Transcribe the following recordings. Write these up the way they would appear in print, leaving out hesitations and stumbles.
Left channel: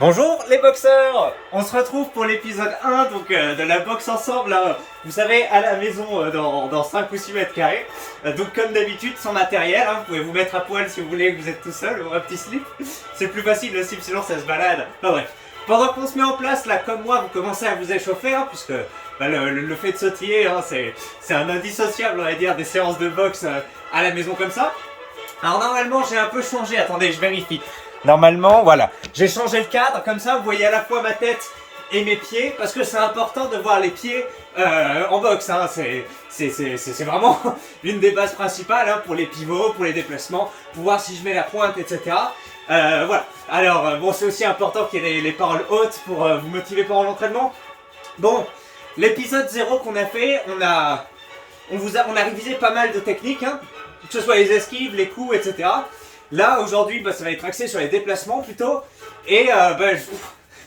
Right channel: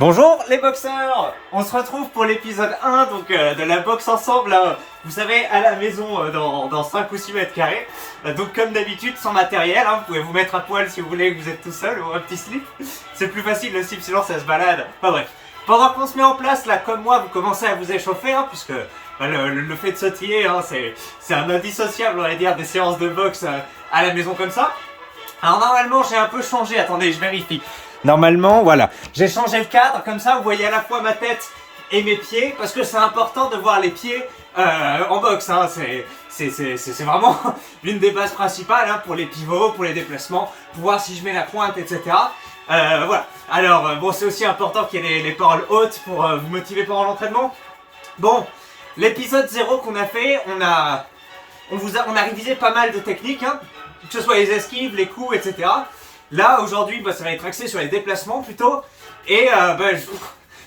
Bonjour les boxeurs. On se retrouve pour l'épisode 1 de la boxe ensemble, vous savez, à la maison dans 5 ou 6 mètres carrés. Donc comme d'habitude, sans matériel, vous pouvez vous mettre à poil si vous voulez, que vous êtes tout seul, ou un petit slip. C'est plus facile le slip, sinon ça se balade. Enfin bref. Pendant qu'on se met en place, là comme moi, vous commencez à vous échauffer, puisque le fait de sautiller, c'est un indissociable, on va dire, des séances de boxe à la maison comme ça. Alors normalement j'ai un peu changé, attendez je vérifie. Normalement voilà, j'ai changé le cadre, comme ça vous voyez à la fois ma tête et mes pieds, parce que c'est important de voir les pieds en boxe, c'est vraiment l'une des bases principales pour les pivots, pour les déplacements, pour voir si je mets la pointe, etc. Voilà, alors bon c'est aussi important qu'il y ait les paroles hautes pour vous motiver pendant l'entraînement. Bon, l'épisode 0 qu'on a fait, on a révisé pas mal de techniques, que ce soit les esquives, les coups, etc. Là, aujourd'hui, ça va être axé sur les déplacements plutôt. Et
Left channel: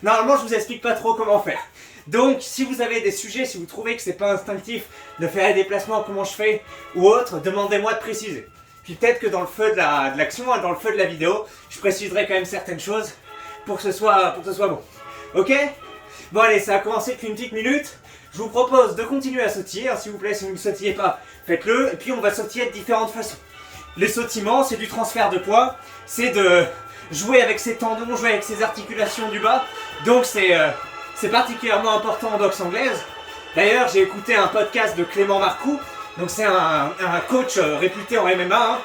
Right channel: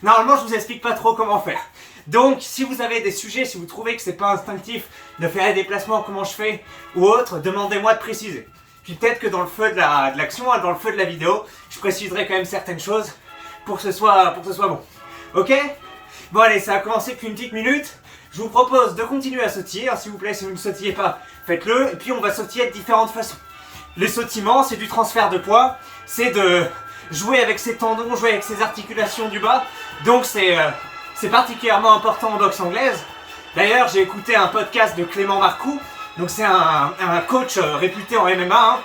normalement, je vous explique pas trop comment faire. Donc, si vous avez des sujets, si vous trouvez que c'est pas instinctif de faire les déplacements, comment je fais, ou autre, demandez-moi de préciser. Puis peut-être que dans le feu de l'action, dans le feu de la vidéo, je préciserai quand même certaines choses pour que ce soit bon. Ok? Bon allez, ça a commencé depuis une petite minute. Je vous propose de continuer à sautiller, s'il vous plaît, si vous ne sautillez pas, faites-le. Et puis on va sautiller de différentes façons. Les sautillements, c'est du transfert de poids, c'est de jouer avec ses tendons, jouer avec ses articulations du bas. Donc c'est particulièrement important en boxe anglaise. D'ailleurs, j'ai écouté un podcast de Clément Marcoux. Donc c'est un coach réputé en MMA.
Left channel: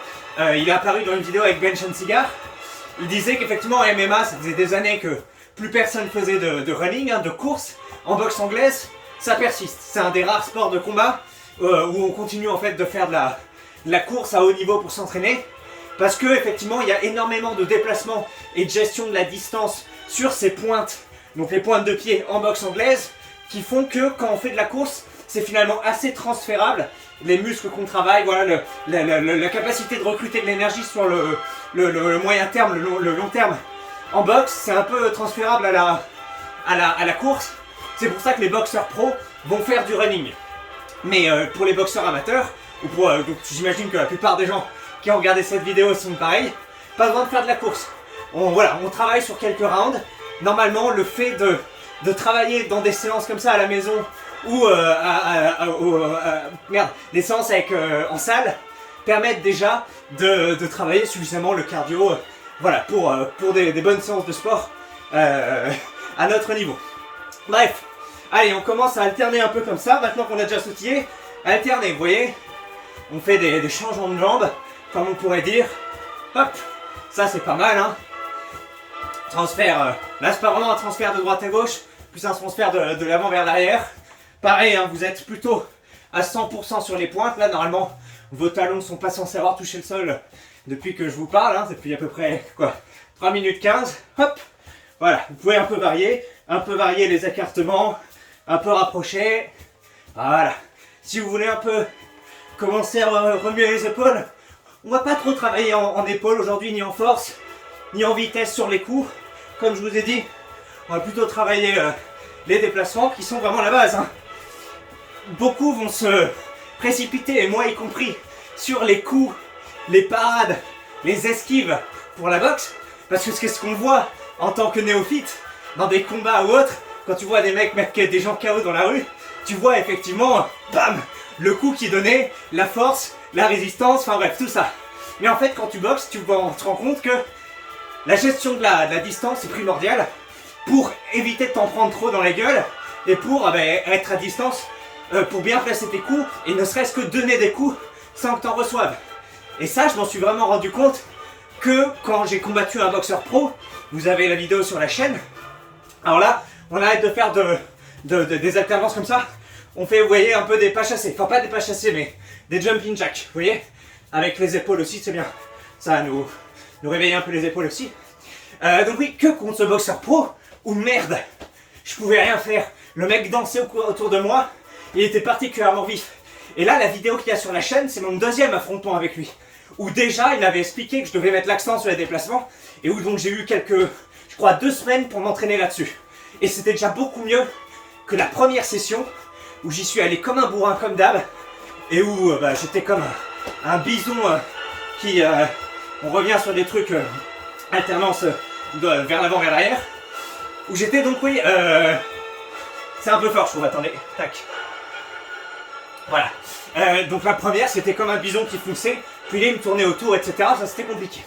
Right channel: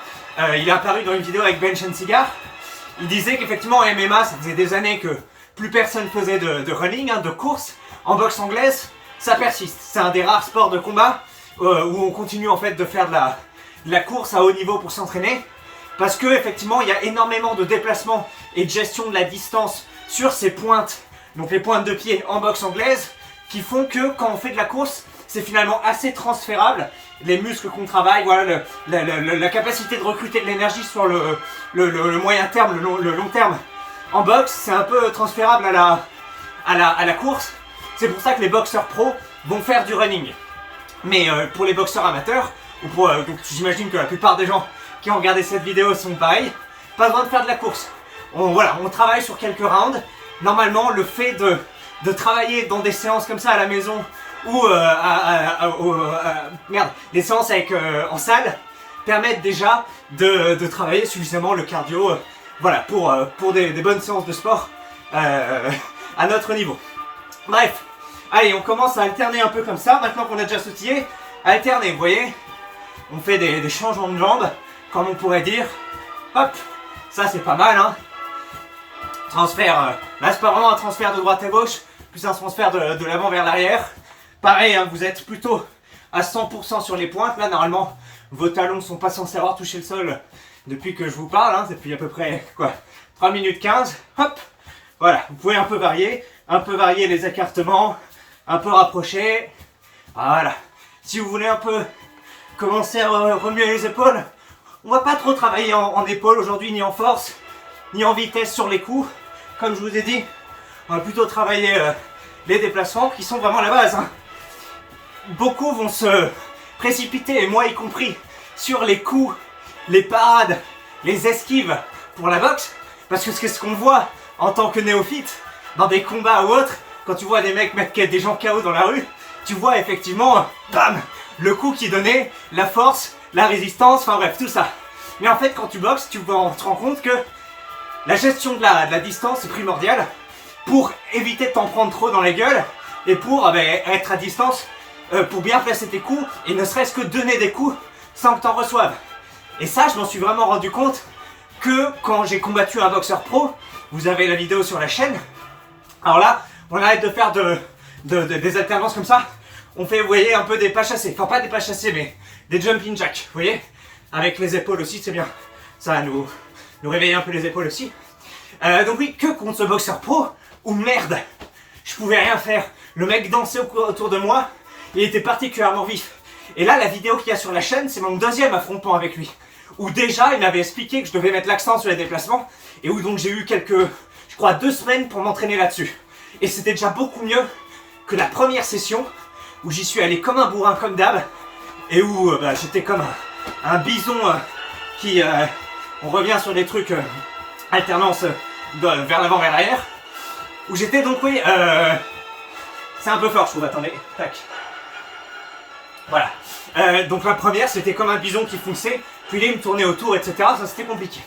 Il est apparu dans une vidéo avec Bench and Cigar. Il disait qu'effectivement en MMA, ça faisait des années que plus personne faisait de running, de course. En boxe anglaise, ça persiste. C'est un des rares sports de combat où on continue en fait de faire de la course à haut niveau pour s'entraîner, parce que effectivement il y a énormément de déplacements et de gestion de la distance sur ces pointes, donc les pointes de pied en boxe anglaise, qui font que quand on fait de la course, c'est finalement assez transférable. Les muscles qu'on travaille, voilà, la capacité de recruter de l'énergie sur le moyen terme, le long terme en boxe, c'est un peu transférable à la course. C'est pour ça que les boxeurs pros vont faire du running. Mais pour les boxeurs amateurs, donc j'imagine que la plupart des gens qui ont regardé cette vidéo sont pareils, pas besoin de faire de la course. On travaille sur quelques rounds. Normalement, le fait de travailler dans des séances comme ça à la maison ou des séances en salle permettent déjà de travailler suffisamment le cardio, pour des bonnes séances de sport à notre niveau. Bref, allez, on commence à alterner un peu comme ça. Maintenant qu'on a déjà sautillé, alterner, vous voyez. On fait des changements de jambes, comme on pourrait dire. Hop, ça c'est pas mal, Transfert, là c'est pas vraiment un transfert de droite à gauche, plus un transfert de l'avant vers l'arrière. Pareil, vous êtes plutôt à 100% sur les pointes. Là normalement, vos talons ne sont pas censés avoir touché le sol depuis que je vous parle, depuis à peu près 3 minutes 15. Hop, voilà, vous pouvez un peu varier les écartements, un peu rapprocher. Voilà, si vous voulez un peu commencer à remuer les épaules, on va pas trop travailler en épaules aujourd'hui, ni en force, ni en vitesse sur les coups. Comme je vous ai dit, on va plutôt travailler les déplacements qui sont vraiment la base. Beaucoup vont se précipiter, et moi y compris, sur les coups, les parades, les esquives pour la boxe, parce que c'est ce qu'on voit en tant que néophyte dans des combats ou autres. Quand tu vois des mecs mettre des gens KO dans la rue, tu vois effectivement, bam, le coup qui donnait, la force, la résistance, enfin bref, tout ça. Mais en fait, quand tu boxes, tu te rends compte que la gestion de la distance est primordiale pour éviter de t'en prendre trop dans les gueules et pour être à distance, pour bien placer tes coups et ne serait-ce que donner des coups sans que t'en reçoives. Et ça, je m'en suis vraiment rendu compte que quand j'ai combattu un boxeur pro, vous avez la vidéo sur la chaîne. Alors là, on arrête de faire des alternances comme ça. On fait, vous voyez, un peu des pas chassés. Enfin, pas des pas chassés, mais des jumping jacks, vous voyez. Avec les épaules aussi, c'est bien. Ça va nous réveiller un peu les épaules aussi. Donc oui, que contre ce boxeur pro, où merde, je pouvais rien faire. Le mec dansait autour de moi, il était particulièrement vif. Et là, la vidéo qu'il y a sur la chaîne, c'est mon deuxième affrontement avec lui. Où déjà, il m'avait expliqué que je devais mettre l'accent sur les déplacements, et où donc j'ai eu 2 semaines pour m'entraîner là-dessus. Et c'était déjà beaucoup mieux que la première session, où j'y suis allé comme un bourrin, comme d'hab, et où j'étais comme un bison qui... on revient sur des trucs alternance vers l'avant, vers l'arrière. Où j'étais donc, oui, c'est un peu fort, je trouve, attendez, tac. Voilà. Donc la première, c'était comme un bison qui fonçait, puis là, il me tournait autour, etc. Ça, c'était compliqué.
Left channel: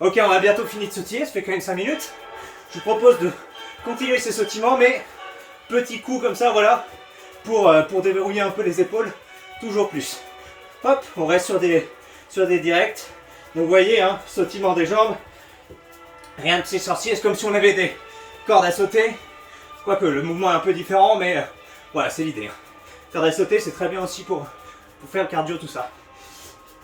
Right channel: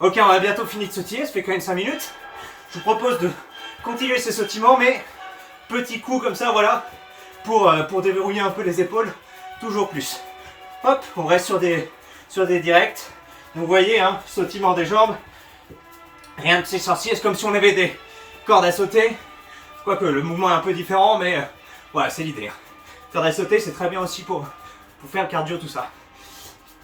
Ok, on a bientôt fini de sautiller, ça fait quand même 5 minutes. Je vous propose de continuer ces sautillements, mais petit coup comme ça, voilà, pour déverrouiller un peu les épaules, toujours plus. Hop, on reste sur des directs. Donc vous voyez, hein, sautillement des jambes, rien de si sorcier, c'est comme si on avait des cordes à sauter. Quoique le mouvement est un peu différent, mais voilà, c'est l'idée. Corde à sauter, c'est très bien aussi pour faire le cardio, tout ça.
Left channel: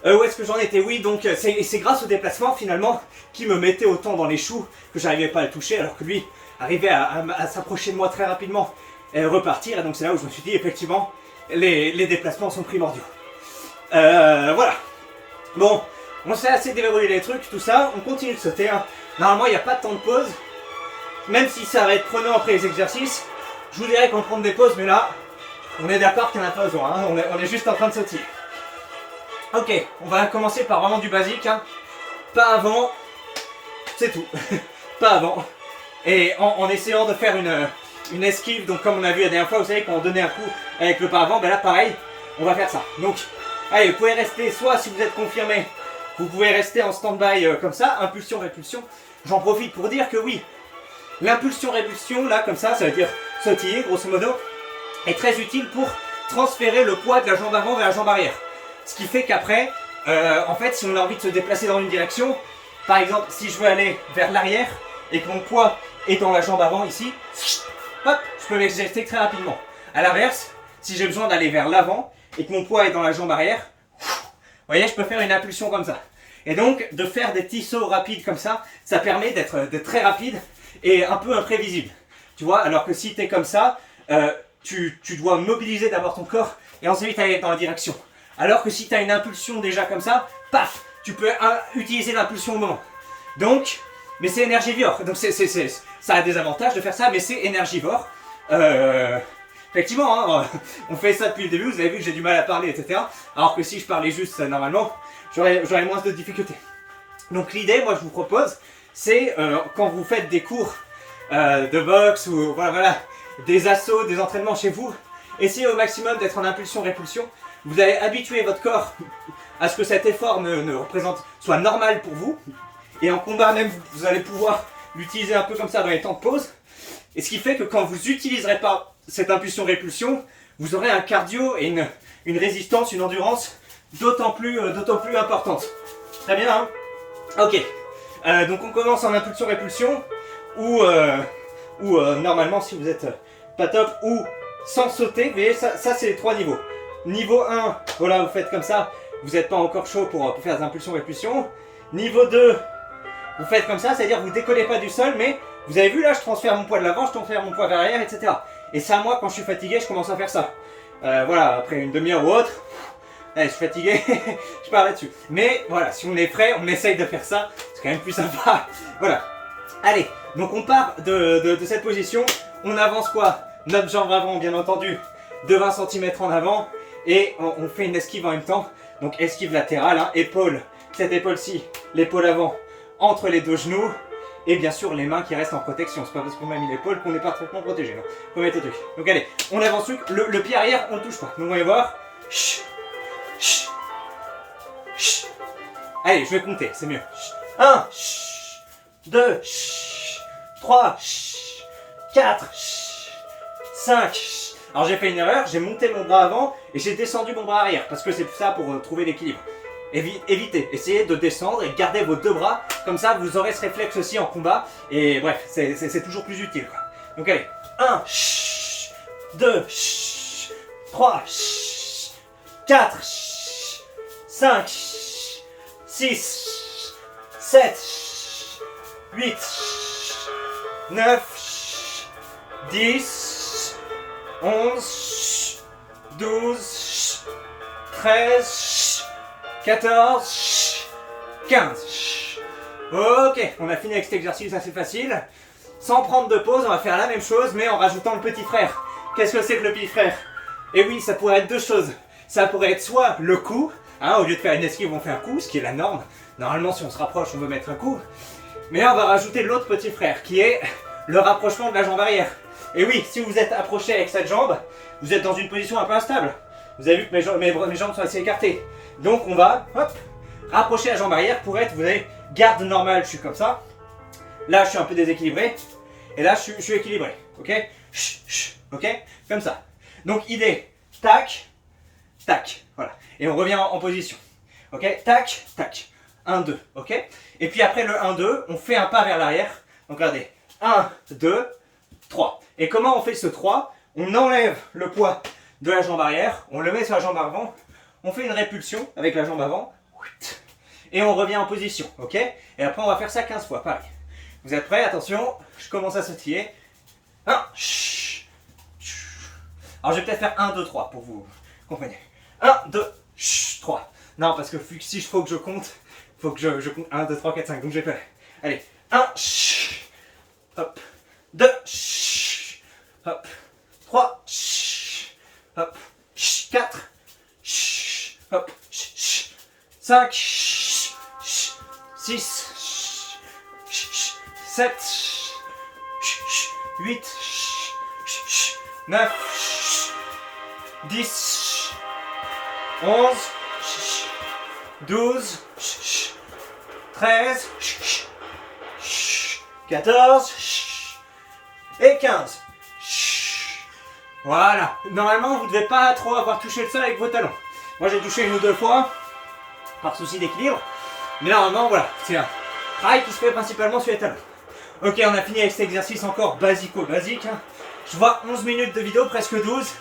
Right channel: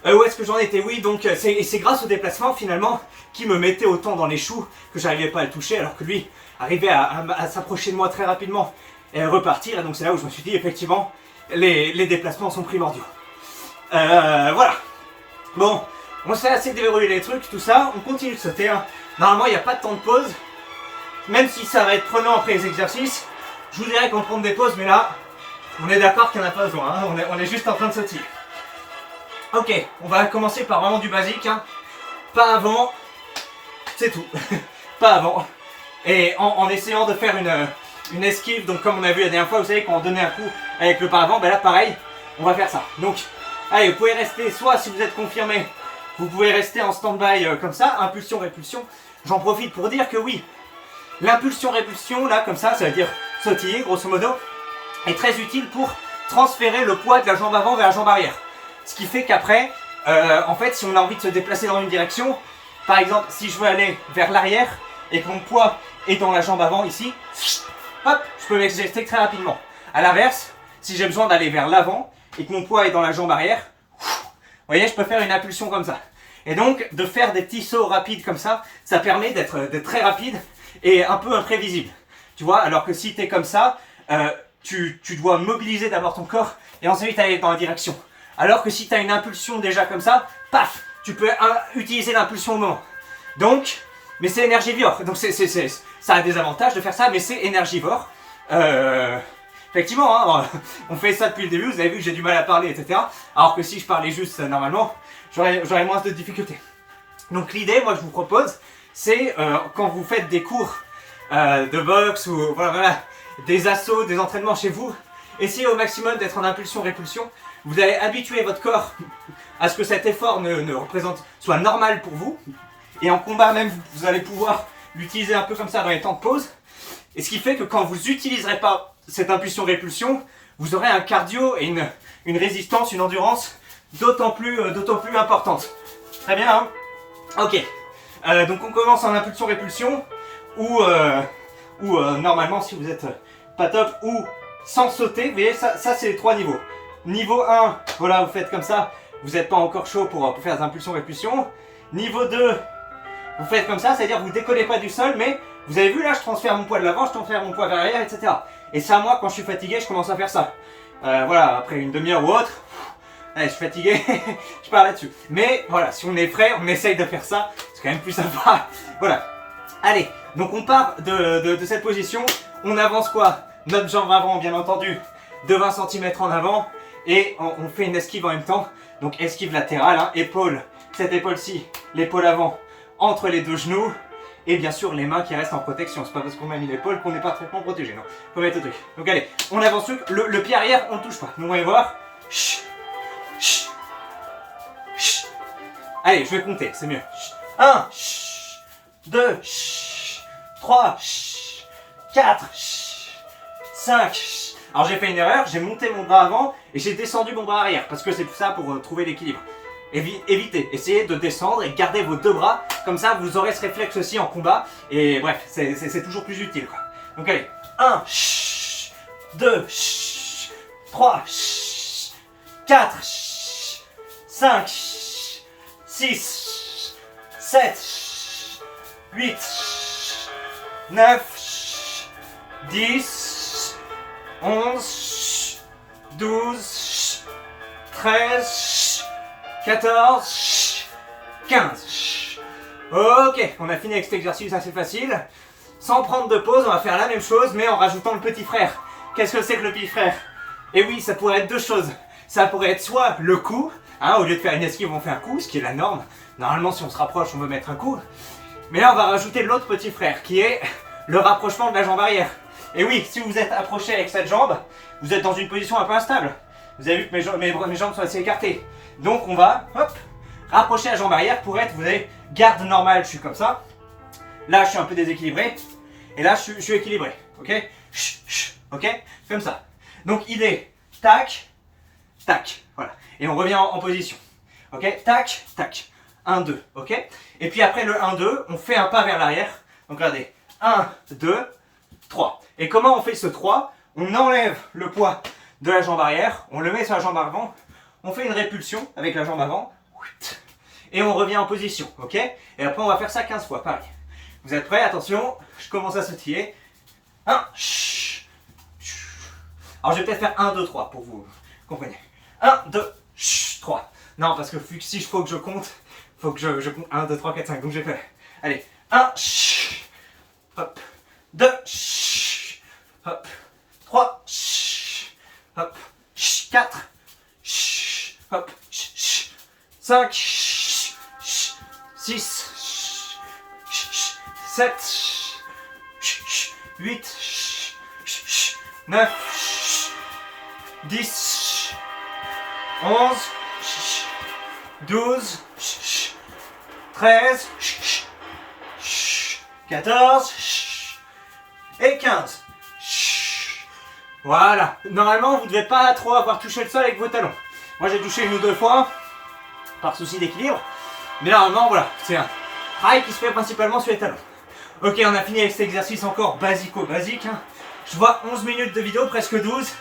Où est-ce que j'en étais? Oui, donc c'est grâce au déplacement finalement qui me mettait autant dans les choux que j'arrivais pas à le toucher, alors que lui arrivait à s'approcher de moi très rapidement et repartir. Et donc c'est là où je me suis dit effectivement les déplacements sont primordiaux. Voilà. Bon, on s'est assez déverrouillé les trucs, tout ça, on continue de sauter. Hein. Normalement il n'y a pas de temps de pause, même si ça va être prenant après les exercices. Je vous dirais qu'on prend des pauses, mais là on est d'accord qu'il n'y en a pas besoin. Hein. On est juste en train de sauter. Ok, on va commencer par vraiment du basique, hein. Pas avant, c'est tout, pas avant. Et en essayant de faire une esquive, donc comme on a vu la dernière fois, vous savez, quand on donnait un coup avec le pas avant, ben là pareil, on va faire ça. Donc, allez, vous pouvez rester, soit si vous êtes confirmé, vous pouvez rester en stand-by comme ça, impulsion-répulsion. J'en profite pour dire que oui, l'impulsion-répulsion, là, comme ça veut dire sautiller, grosso modo, est très utile pour transférer le poids de la jambe avant vers la jambe arrière. Ce qui fait qu'après, en fait, si on a envie de se déplacer dans une direction, par exemple, si je veux aller vers l'arrière et que mon poids est dans la jambe avant ici, hop, je peux m'exercer très rapidement. A l'inverse, si j'ai besoin d'aller vers l'avant et que mon poids est dans la jambe arrière, vous voyez, je peux faire une impulsion comme ça. Et donc, de faire des petits sauts rapides comme ça, ça permet d'être très rapide et un peu imprévisible. Tu vois, alors que si tu es comme ça, tu dois mobiliser d'abord ton corps et ensuite aller dans la direction. Alors que si tu as une impulsion déjà comme ça, paf, tu peux utiliser l'impulsion au moment. Donc, mais c'est énergivore. Donc ça a des avantages de faire ça, mais c'est énergivore. Effectivement, hein, on fait ça depuis le début, vous avez vu que j'ai du mal à parler, etc. Alors que si je parlais juste normalement, j'aurais moins de difficultés. Donc l'idée, moi je vous propose, c'est quand vous faites des cours de boxe ou voilà, des assauts, des entraînements chez vous, essayez au maximum d'être en impulsion-répulsion. Vous allez habituer votre corps à ce que cet effort soit normal pour vous. Et en combat même, vous allez pouvoir l'utiliser un peu comme ça dans les temps de pause. Et ce qui fait que quand vous n'utiliserez pas cette impulsion-répulsion, vous aurez un cardio et une résistance, une endurance d'autant plus importante. Très bien, hein? Ok. Donc on commence en impulsion-répulsion, ou normalement si vous êtes pas top, ou sans sauter. Vous voyez, ça c'est les 3 niveaux. Niveau 1, voilà, vous faites comme ça, vous n'êtes pas encore chaud pour faire des impulsions-répulsions. Niveau 2, vous faites comme ça, c'est-à-dire vous ne décollez pas du sol, mais vous avez vu là, je transfère mon poids de l'avant, je transfère mon poids vers l'arrière, etc. Et ça, moi, quand je suis fatigué, je commence à faire ça. Voilà, après une demi-heure ou autre, allez, je suis fatigué, je pars là-dessus. Mais voilà, si on est prêt, on essaye de faire ça, c'est quand même plus sympa. Voilà. Allez, donc on part de cette position, on avance quoi? Notre jambe avant, bien entendu, de 20 cm en avant. Et on fait une esquive en même temps, donc esquive latérale, hein, épaule, cette épaule-ci, l'épaule avant, entre les 2 genoux, et bien sûr les mains qui restent en protection. C'est pas parce qu'on a mis l'épaule qu'on n'est pas parfaitement protégé, non. Faut mettre le truc. Donc allez, on avance, le pied arrière, on ne touche pas. Donc on va voir. Allez, je vais compter, c'est mieux. 1, 2, 3, 4, 5. Alors j'ai fait une erreur, j'ai monté mon bras avant et j'ai descendu mon bras arrière parce que c'est ça pour trouver l'équilibre. Évitez, essayez de descendre et gardez vos 2 bras, comme ça vous aurez ce réflexe aussi en combat et bref, c'est toujours plus utile quoi. Donc allez, 1, 2, 3, 4, 5, 6, 7, 8, 9, 10, 11, 12, 13, 14, 15. Ok, on a fini avec cet exercice assez facile. Sans prendre de pause, on va faire la même chose, mais en rajoutant le petit frère. Qu'est-ce que c'est que le petit frère? Et oui, ça pourrait être 2 choses. Ça pourrait être soit le coup, hein, au lieu de faire une esquive, on fait un coup, ce qui est la norme. Normalement, si on se rapproche, on veut mettre un coup. Mais là, on va rajouter l'autre petit frère, qui est le rapprochement de la jambe arrière. Et oui, si vous êtes approché avec cette jambe, vous êtes dans une position un peu instable. Vous avez vu que mes jambes sont assez écartées. Donc on va, hop, rapprocher la jambe arrière pour être, vous avez garde normale, je suis comme ça. Là, je suis un peu déséquilibré. Et là, je suis équilibré. Ok? Ok? Comme ça. Donc, idée. Tac. Tac. Voilà. Et on revient en position. Ok? Tac. Tac. 1, 2. Ok? Et puis après le 1, 2, on fait un pas vers l'arrière. Donc, regardez. 1, 2, 3. Et comment on fait ce 3? On enlève le poids de la jambe arrière. On le met sur la jambe avant. On fait une répulsion avec la jambe avant. Et on revient en position. Ok? Et après, on va faire ça 15 fois. Pareil. Vous êtes prêts? Attention, je commence à sautiller. 1. Alors je vais peut-être faire 1, 2, 3 pour vous compreniez. 1, 2, 3. Non, parce que si il faut que je compte, il faut que je compte 1, 2, 3, 4, 5. Donc je vais faire. Allez, 1, hop, 2, hop, 3, hop, 4, hop, 5, 6, 7, 8, 9, 10, 11, 12, 13, 14 et 15. Voilà. Normalement, vous ne devez pas trop avoir touché le sol avec vos talons. Moi, j'ai touché 1 ou 2 fois par souci d'équilibre. Mais normalement, voilà, c'est un travail qui se fait principalement sur les talons. Ok, on a fini avec cet exercice encore basico-basique. Hein. Je vois 11 minutes de vidéo, presque 12.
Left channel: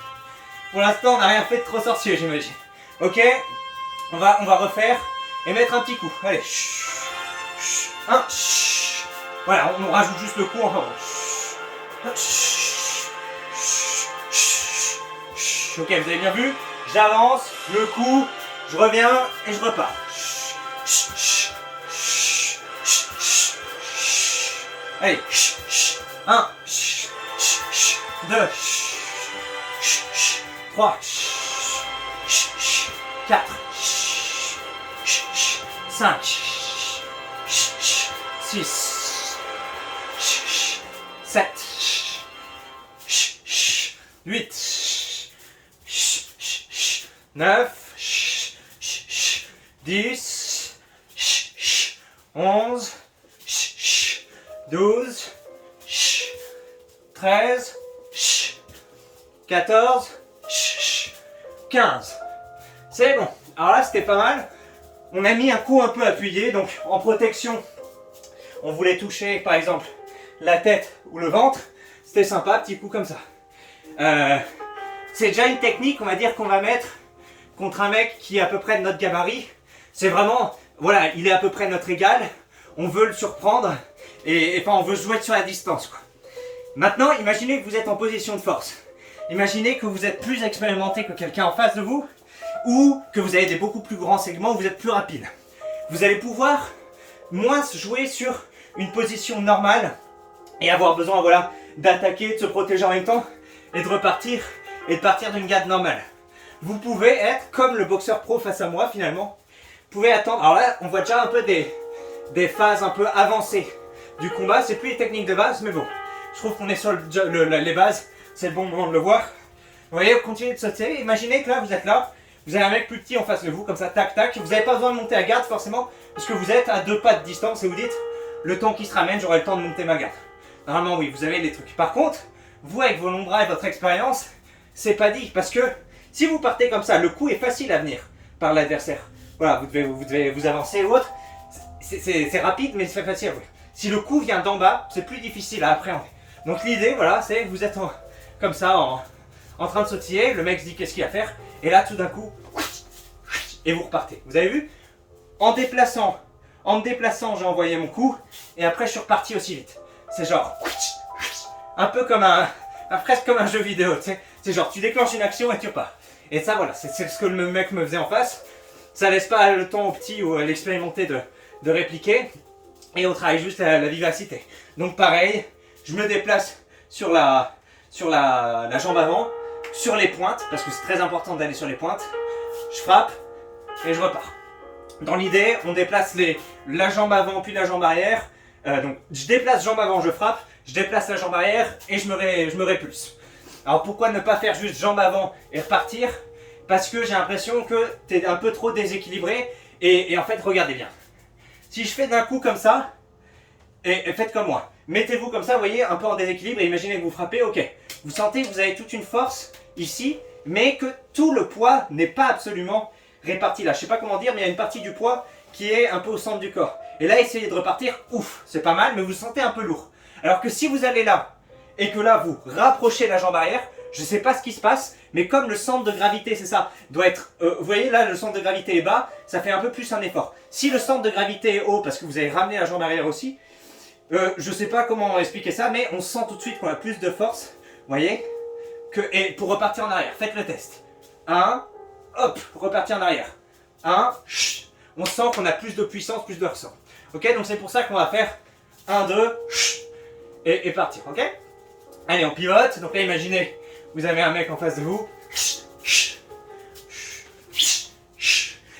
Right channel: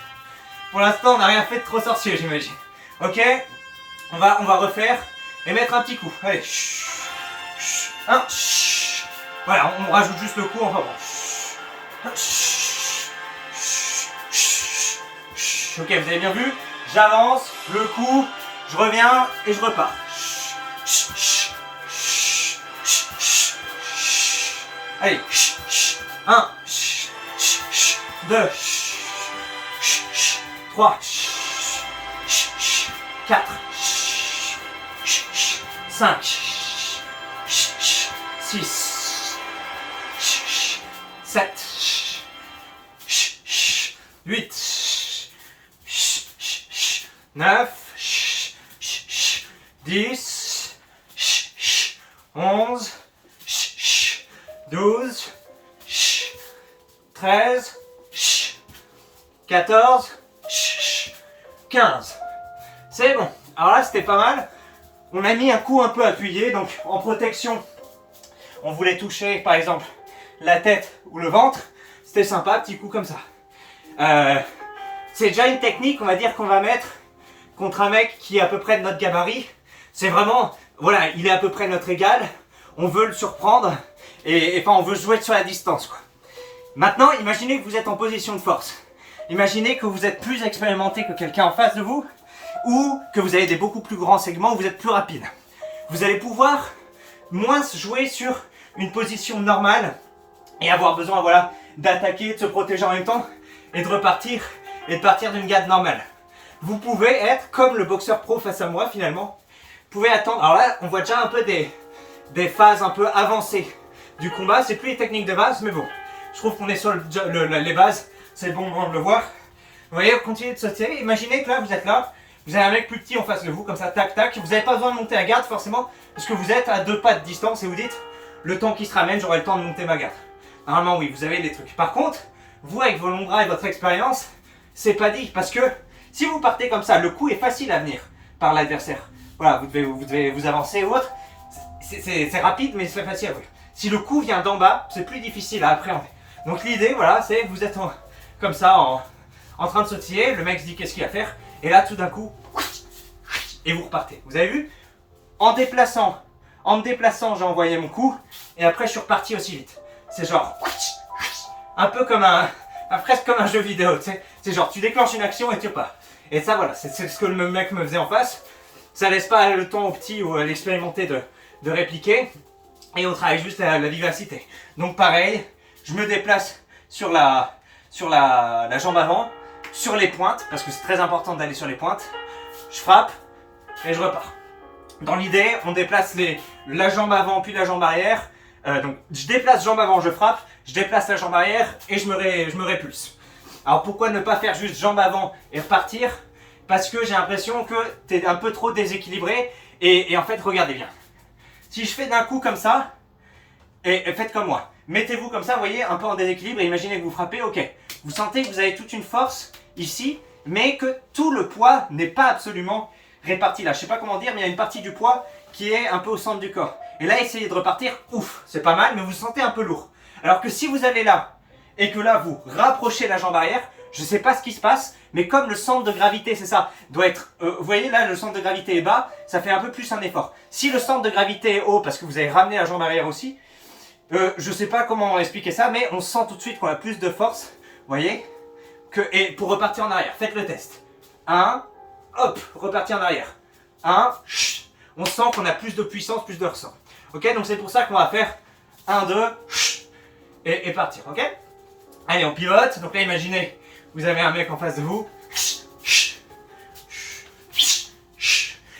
Pour l'instant, on n'a rien fait de trop sorcier, j'imagine. Ok, on va refaire et mettre un petit coup. Allez, 1, voilà, on rajoute juste le coup, enfin bon. Ok, vous avez bien vu? J'avance, le coup, je reviens et je repars. Allez, 1, 2, 3, 4, 5, 6, 7, 8, 9, 10, 11, 12, 13, 14, 15. C'est bon. Alors là, c'était pas mal. On a mis un coup un peu appuyé, donc en protection, on voulait toucher par exemple la tête ou le ventre. C'était sympa, petit coup comme ça. C'est déjà une technique, on va dire, qu'on va mettre contre un mec qui est à peu près de notre gabarit. C'est vraiment, voilà, il est à peu près notre égal. On veut le surprendre et enfin on veut jouer sur la distance, quoi. Maintenant, imaginez que vous êtes en position de force. Imaginez que vous êtes plus expérimenté que quelqu'un en face de vous ou que vous avez des beaucoup plus grands segments, vous êtes plus rapide. Vous allez pouvoir moins jouer sur une position normale et avoir besoin, voilà, d'attaquer, de se protéger en même temps et de repartir et de partir d'une garde normale. Vous pouvez être comme le boxeur pro face à moi finalement. Vous pouvez attendre. Alors là, on voit déjà un peu des phases un peu avancées du combat. C'est plus les techniques de base, mais bon. Je trouve qu'on est sur les bases. C'est le bon moment de le voir. Vous voyez, vous continuez de sauter. Imaginez que là, vous êtes là. Vous avez un mec plus petit en face de vous, comme ça, tac, tac. Vous n'avez pas besoin de monter la garde forcément, parce que vous êtes à 2 pas de distance et vous dites, le temps qui se ramène, j'aurai le temps de monter ma garde. Normalement, oui, vous avez les trucs. Par contre, vous, avec vos longs bras et votre expérience, c'est pas dit. Parce que si vous partez comme ça, le coup est facile à venir par l'adversaire. Voilà, vous devez vous avancer ou autre. C'est rapide, mais c'est facile. Oui. Si le coup vient d'en bas, c'est plus difficile à appréhender. Donc l'idée, voilà, c'est que vous êtes comme ça, en train de sautiller. Le mec se dit qu'est-ce qu'il va faire. Et là, tout d'un coup, et vous repartez. Vous avez vu? En me déplaçant, j'ai envoyé mon coup. Et après, je suis reparti aussi vite. C'est genre, un peu comme presque comme un jeu vidéo. Tu sais, c'est genre, tu déclenches une action et tu repars. Et ça, voilà, c'est ce que le mec me faisait en face. Ça laisse pas le temps au petit ou à l'expérimenté de répliquer. Et on travaille juste la vivacité. Donc pareil, je me déplace sur la jambe avant, sur les pointes, parce que c'est très important d'aller sur les pointes. Je frappe et je repars. Dans l'idée, on déplace la jambe avant puis la jambe arrière. Donc je déplace jambe avant, je frappe, je déplace la jambe arrière et je me répulse. Alors pourquoi ne pas faire juste jambe avant et repartir? Parce que j'ai l'impression que tu es un peu trop déséquilibré et en fait regardez bien. Si je fais d'un coup comme ça, et faites comme moi. Mettez-vous comme ça, vous voyez, un peu en déséquilibre et imaginez que vous frappez, ok. Vous sentez que vous avez toute une force ici, mais que tout le poids n'est pas absolument réparti là. Je sais pas comment dire, mais il y a une partie du poids qui est un peu au centre du corps. Et là, essayez de repartir, ouf, c'est pas mal, mais vous vous sentez un peu lourd. Alors que si vous allez là, et que là, vous rapprochez la jambe arrière, je sais pas ce qui se passe, mais comme le centre de gravité, c'est ça, doit être, vous voyez là, le centre de gravité est bas, ça fait un peu plus un effort. Si le centre de gravité est haut, parce que vous avez ramené la jambe arrière aussi, je sais pas comment expliquer ça, mais on sent tout de suite qu'on a plus de force, vous voyez, et pour repartir en arrière, faites le test. 1, hop, repartir en arrière. 1, on sent qu'on a plus de puissance, plus de ressort. Ok, donc c'est pour ça qu'on va faire 1, 2, et partir, ok? Allez, on pivote, donc là imaginez, vous avez un mec en face de vous.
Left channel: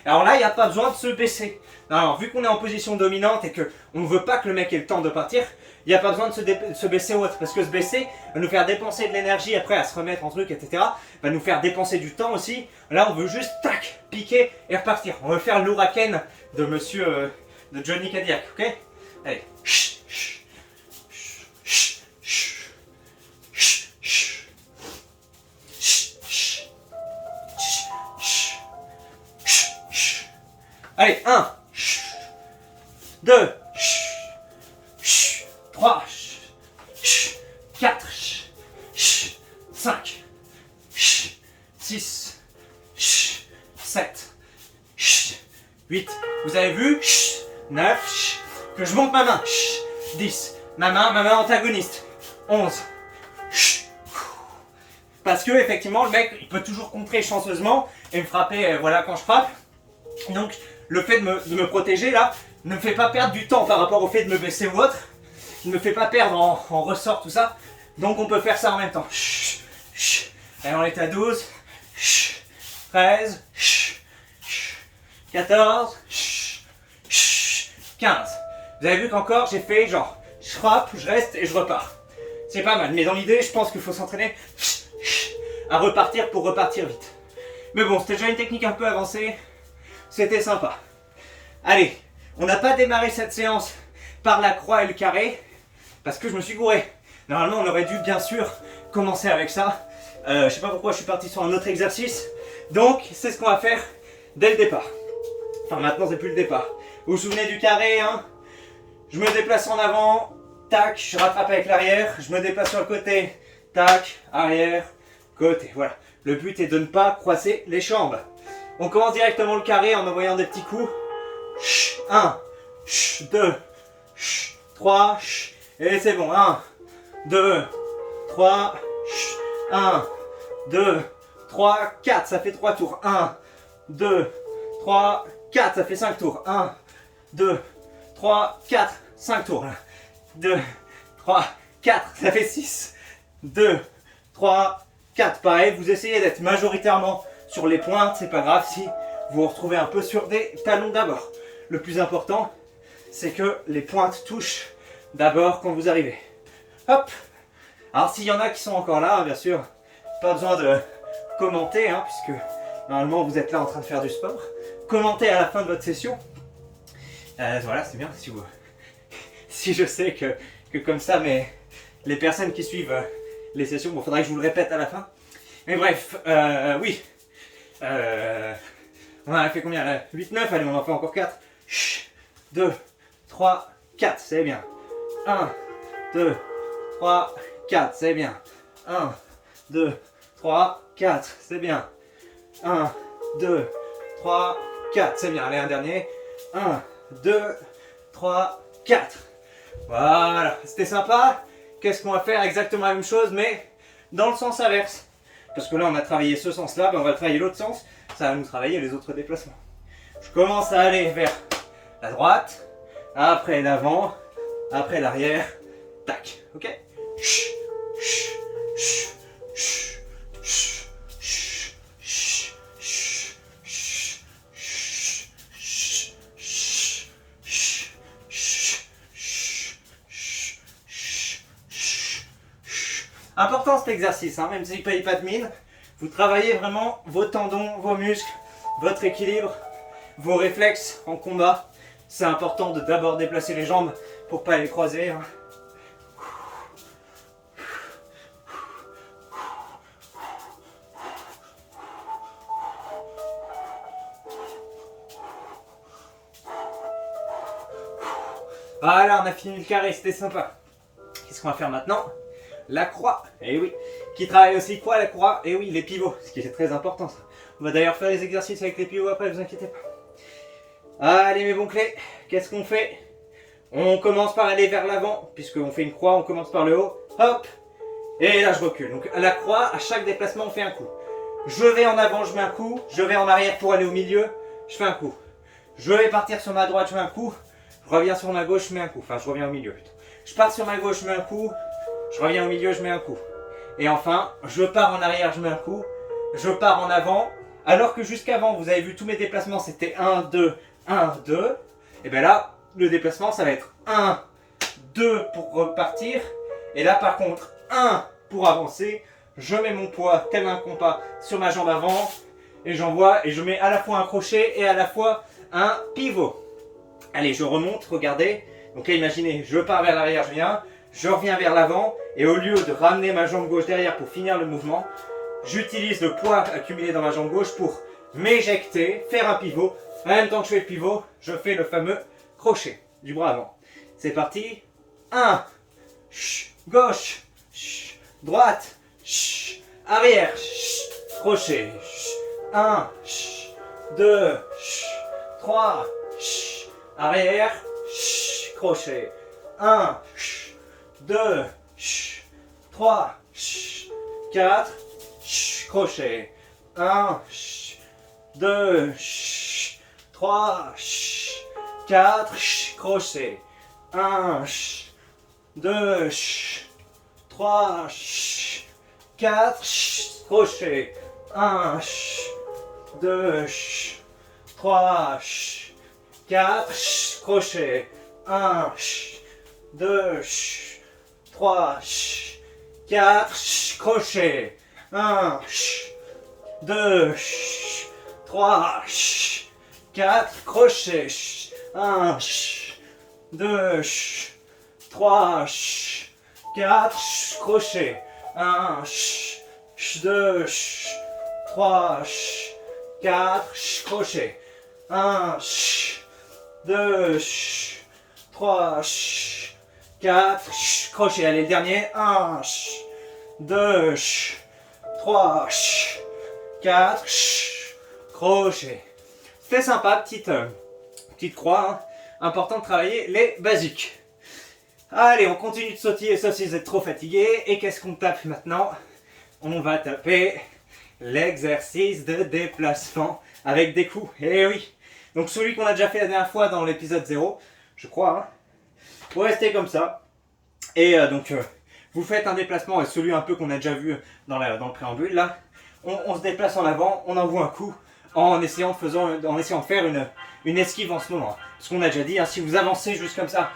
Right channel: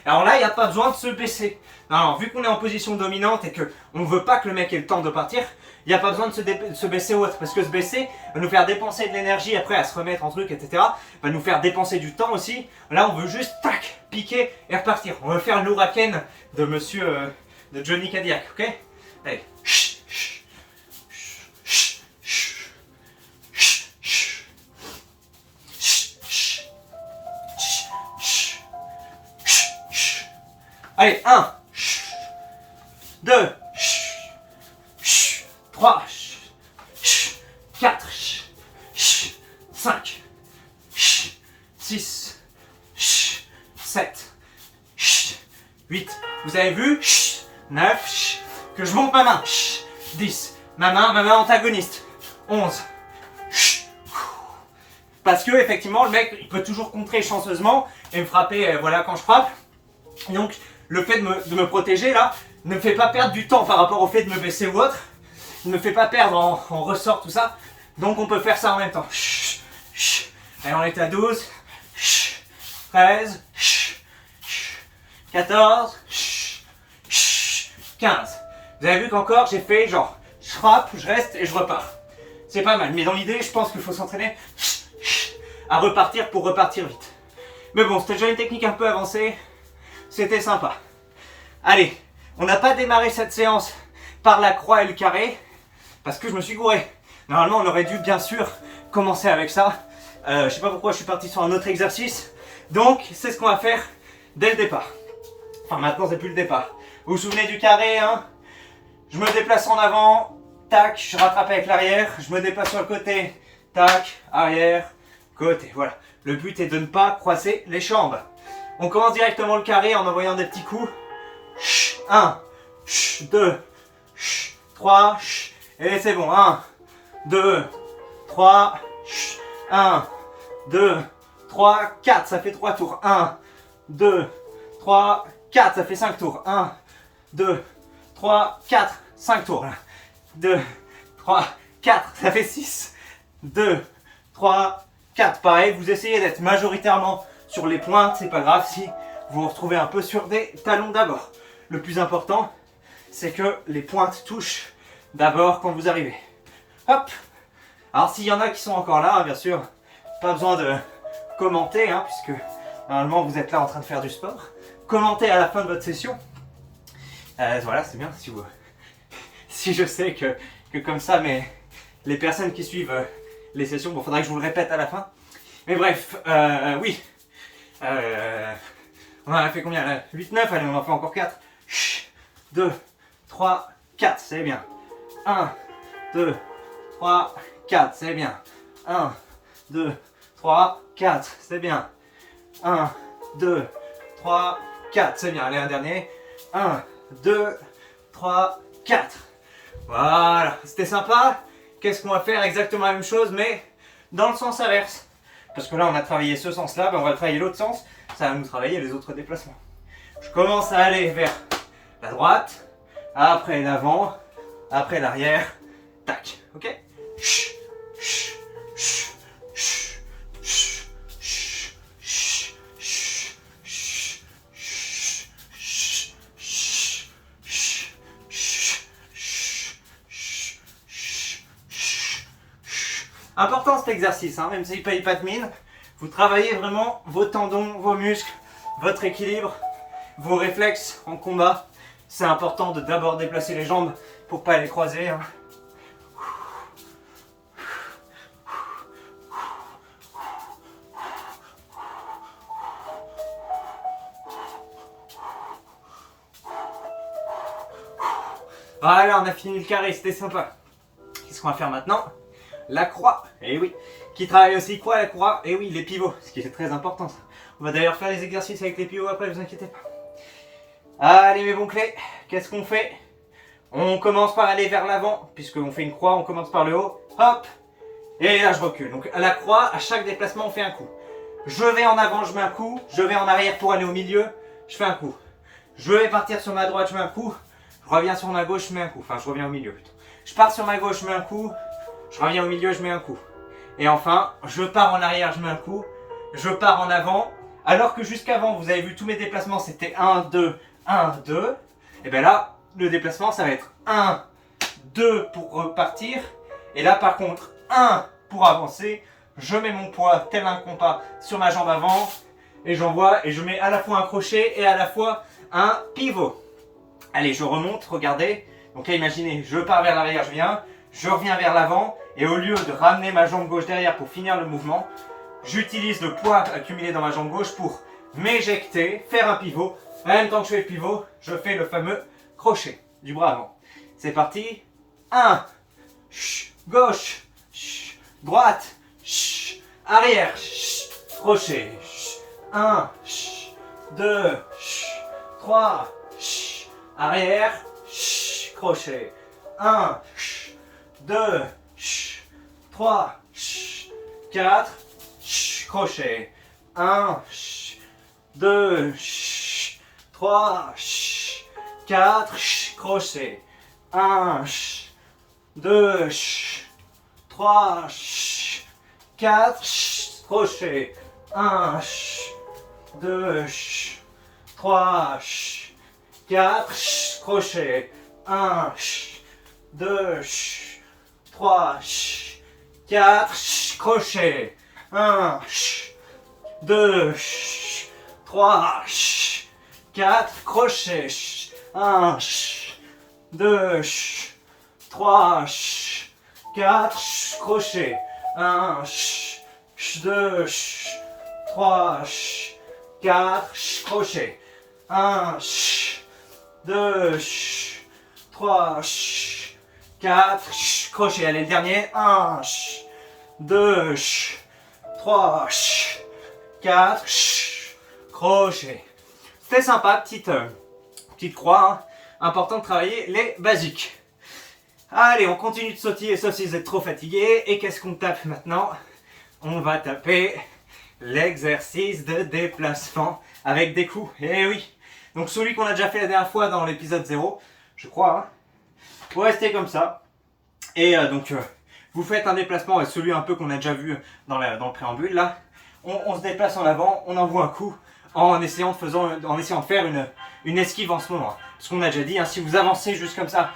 Alors là, il n'y a pas besoin de se baisser. Non, vu qu'on est en position dominante et qu'on ne veut pas que le mec ait le temps de partir, il n'y a pas besoin de se baisser ou autre. Parce que se baisser va nous faire dépenser de l'énergie après à se remettre en truc, etc. Va nous faire dépenser du temps aussi. Là, on veut juste, tac, piquer et repartir. On veut faire l'ouraken de monsieur, de Johnny Cadillac, ok? Allez. Allez, 1, 2, 3, 4, 5, 6, 7, 8. Vous avez vu? 9, que je monte ma main. 10, ma main antagoniste. 11. Parce que effectivement, le mec, il peut toujours contrer chanceusement et me frapper, voilà, quand je frappe. Donc, le fait de me protéger là ne me fait pas perdre du temps par rapport au fait de me baisser ou autre. Ne me fait pas perdre en ressort tout ça. Donc on peut faire ça en même temps. Allez, on est à 12, 13, 14, 15. Vous avez vu qu'encore j'ai fait genre, je frappe, je reste et je repars. C'est pas mal, mais dans l'idée, je pense qu'il faut s'entraîner à repartir pour repartir vite. Mais bon, c'était déjà une technique un peu avancée. C'était sympa. Allez, on n'a pas démarré cette séance par la croix et le carré, parce que je me suis gouré. Normalement, on aurait dû bien sûr commencer avec ça. Je sais pas pourquoi je suis parti sur un autre exercice. Donc, c'est ce qu'on va faire dès le départ. Enfin, maintenant, c'est plus le départ. Vous vous souvenez du carré, hein? Je me déplace en avant, tac, je rattrape avec l'arrière. Je me déplace sur le côté, tac, arrière, côté. Voilà. Le but est de ne pas croiser les jambes. On commence directement le carré en envoyant des petits coups. 1, 2, 3, et c'est bon. 1, 2, 3, 1, 2, 3, 4, ça fait 3 tours. 1, 2, 3, 4, ça fait 5 tours. 1, 2, 3, 4, 5 tours. 2, 3, 4, ça fait 6. 2, 3, 4. Pareil, vous essayez d'être majoritairement sur les pointes, c'est pas grave si vous vous retrouvez un peu sur des talons d'abord. Le plus important, c'est que les pointes touchent d'abord quand vous arrivez. Hop. Alors s'il y en a qui sont encore là, bien sûr, pas besoin de commenter, hein, puisque normalement vous êtes là en train de faire du sport. Commentez à la fin de votre session. Voilà, c'est bien si vous... si je sais que comme ça, mais les personnes qui suivent les sessions, bon, faudrait que je vous le répète à la fin. Mais bref, oui. On en a fait combien là? 8, 9, allez, on en fait encore 4. 2, 3, 4, c'est bien. 1, 2, 3, 4, c'est bien. 1, 2, 3, 4, c'est bien. 1, 2, 3, 4, c'est bien. Allez, un dernier. 1, 2, 3, 4. Voilà, c'était sympa. Qu'est-ce qu'on va faire? Exactement la même chose, mais dans le sens inverse. Parce que là, on a travaillé ce sens-là, ben on va travailler l'autre sens. Ça va nous travailler les autres déplacements. Je commence à aller vers la droite, après l'avant, après l'arrière. Tac, ok? Important cet exercice, hein, même s'il ne paye pas de mine. Vous travaillez vraiment vos tendons, vos muscles, votre équilibre, vos réflexes en combat. C'est important de d'abord déplacer les jambes pour pas les croiser. Hein. Voilà, on a fini le carré, c'était sympa. Qu'est-ce qu'on va faire maintenant? La croix, eh oui. Qui travaille aussi quoi la croix? Eh oui, les pivots, ce qui est très important ça. On va d'ailleurs faire les exercices avec les pivots après, vous inquiétez pas. Allez mes bons clés, qu'est-ce qu'on fait? On commence par aller vers l'avant, puisqu'on fait une croix, on commence par le haut, hop, et là je recule. Donc à la croix, à chaque déplacement on fait un coup. Je vais en avant, je mets un coup, je vais en arrière pour aller au milieu, je fais un coup. Je vais partir sur ma droite, je mets un coup, je reviens sur ma gauche, je mets un coup, enfin je reviens au milieu plutôt. Je pars sur ma gauche, je mets un coup, je reviens au milieu, je mets un coup. Et enfin, je pars en arrière, je mets un coup, je pars en avant, alors que jusqu'avant, vous avez vu tous mes déplacements, c'était 1, 2, 1, 2. Et bien là, le déplacement, ça va être 1, 2 pour repartir. Et là, par contre, 1 pour avancer. Je mets mon poids tel un compas sur ma jambe avant. Et j'envoie, et je mets à la fois un crochet et à la fois un pivot. Allez, je remonte, regardez. Donc là, imaginez, je pars vers l'arrière, je reviens vers l'avant. Et au lieu de ramener ma jambe gauche derrière pour finir le mouvement, j'utilise le poids accumulé dans ma jambe gauche pour m'éjecter, faire un pivot. En même temps que je fais le pivot, je fais le fameux crochet du bras avant. C'est parti. 1, gauche, droite, arrière, crochet. 1, 2, 3, arrière, crochet. 1, 2, 3, 4, crochet. 1, 2, 3, 4, crochet. 1, 2, 3, 4, crochet. 1, 2, 3, 4, crochet. 1, 2, 3, 4, crochet. 1, 2, 3, 4, crochet. 1, 2, 3, 4, crochet. 1, 2, 3, 4, crochet. 1, 2, 3, 4, crochet. Allez, le dernier. 1, 2, 3, 4, crochet. C'était sympa, petite croix. Hein. Important de travailler les basiques. Allez, on continue de sautiller, sauf si vous êtes trop fatigué. Et qu'est-ce qu'on tape maintenant? On va taper l'exercice de déplacement avec des coups. Eh oui. Donc celui qu'on a déjà fait la dernière fois dans l'épisode 0, je crois. Hein. Vous restez comme ça. Et vous faites un déplacement, celui un peu qu'on a déjà vu dans le préambule là. On se déplace en avant, on envoie un coup en essayant de faire une esquive en ce moment. Ce qu'on a déjà dit, hein, si vous avancez juste comme ça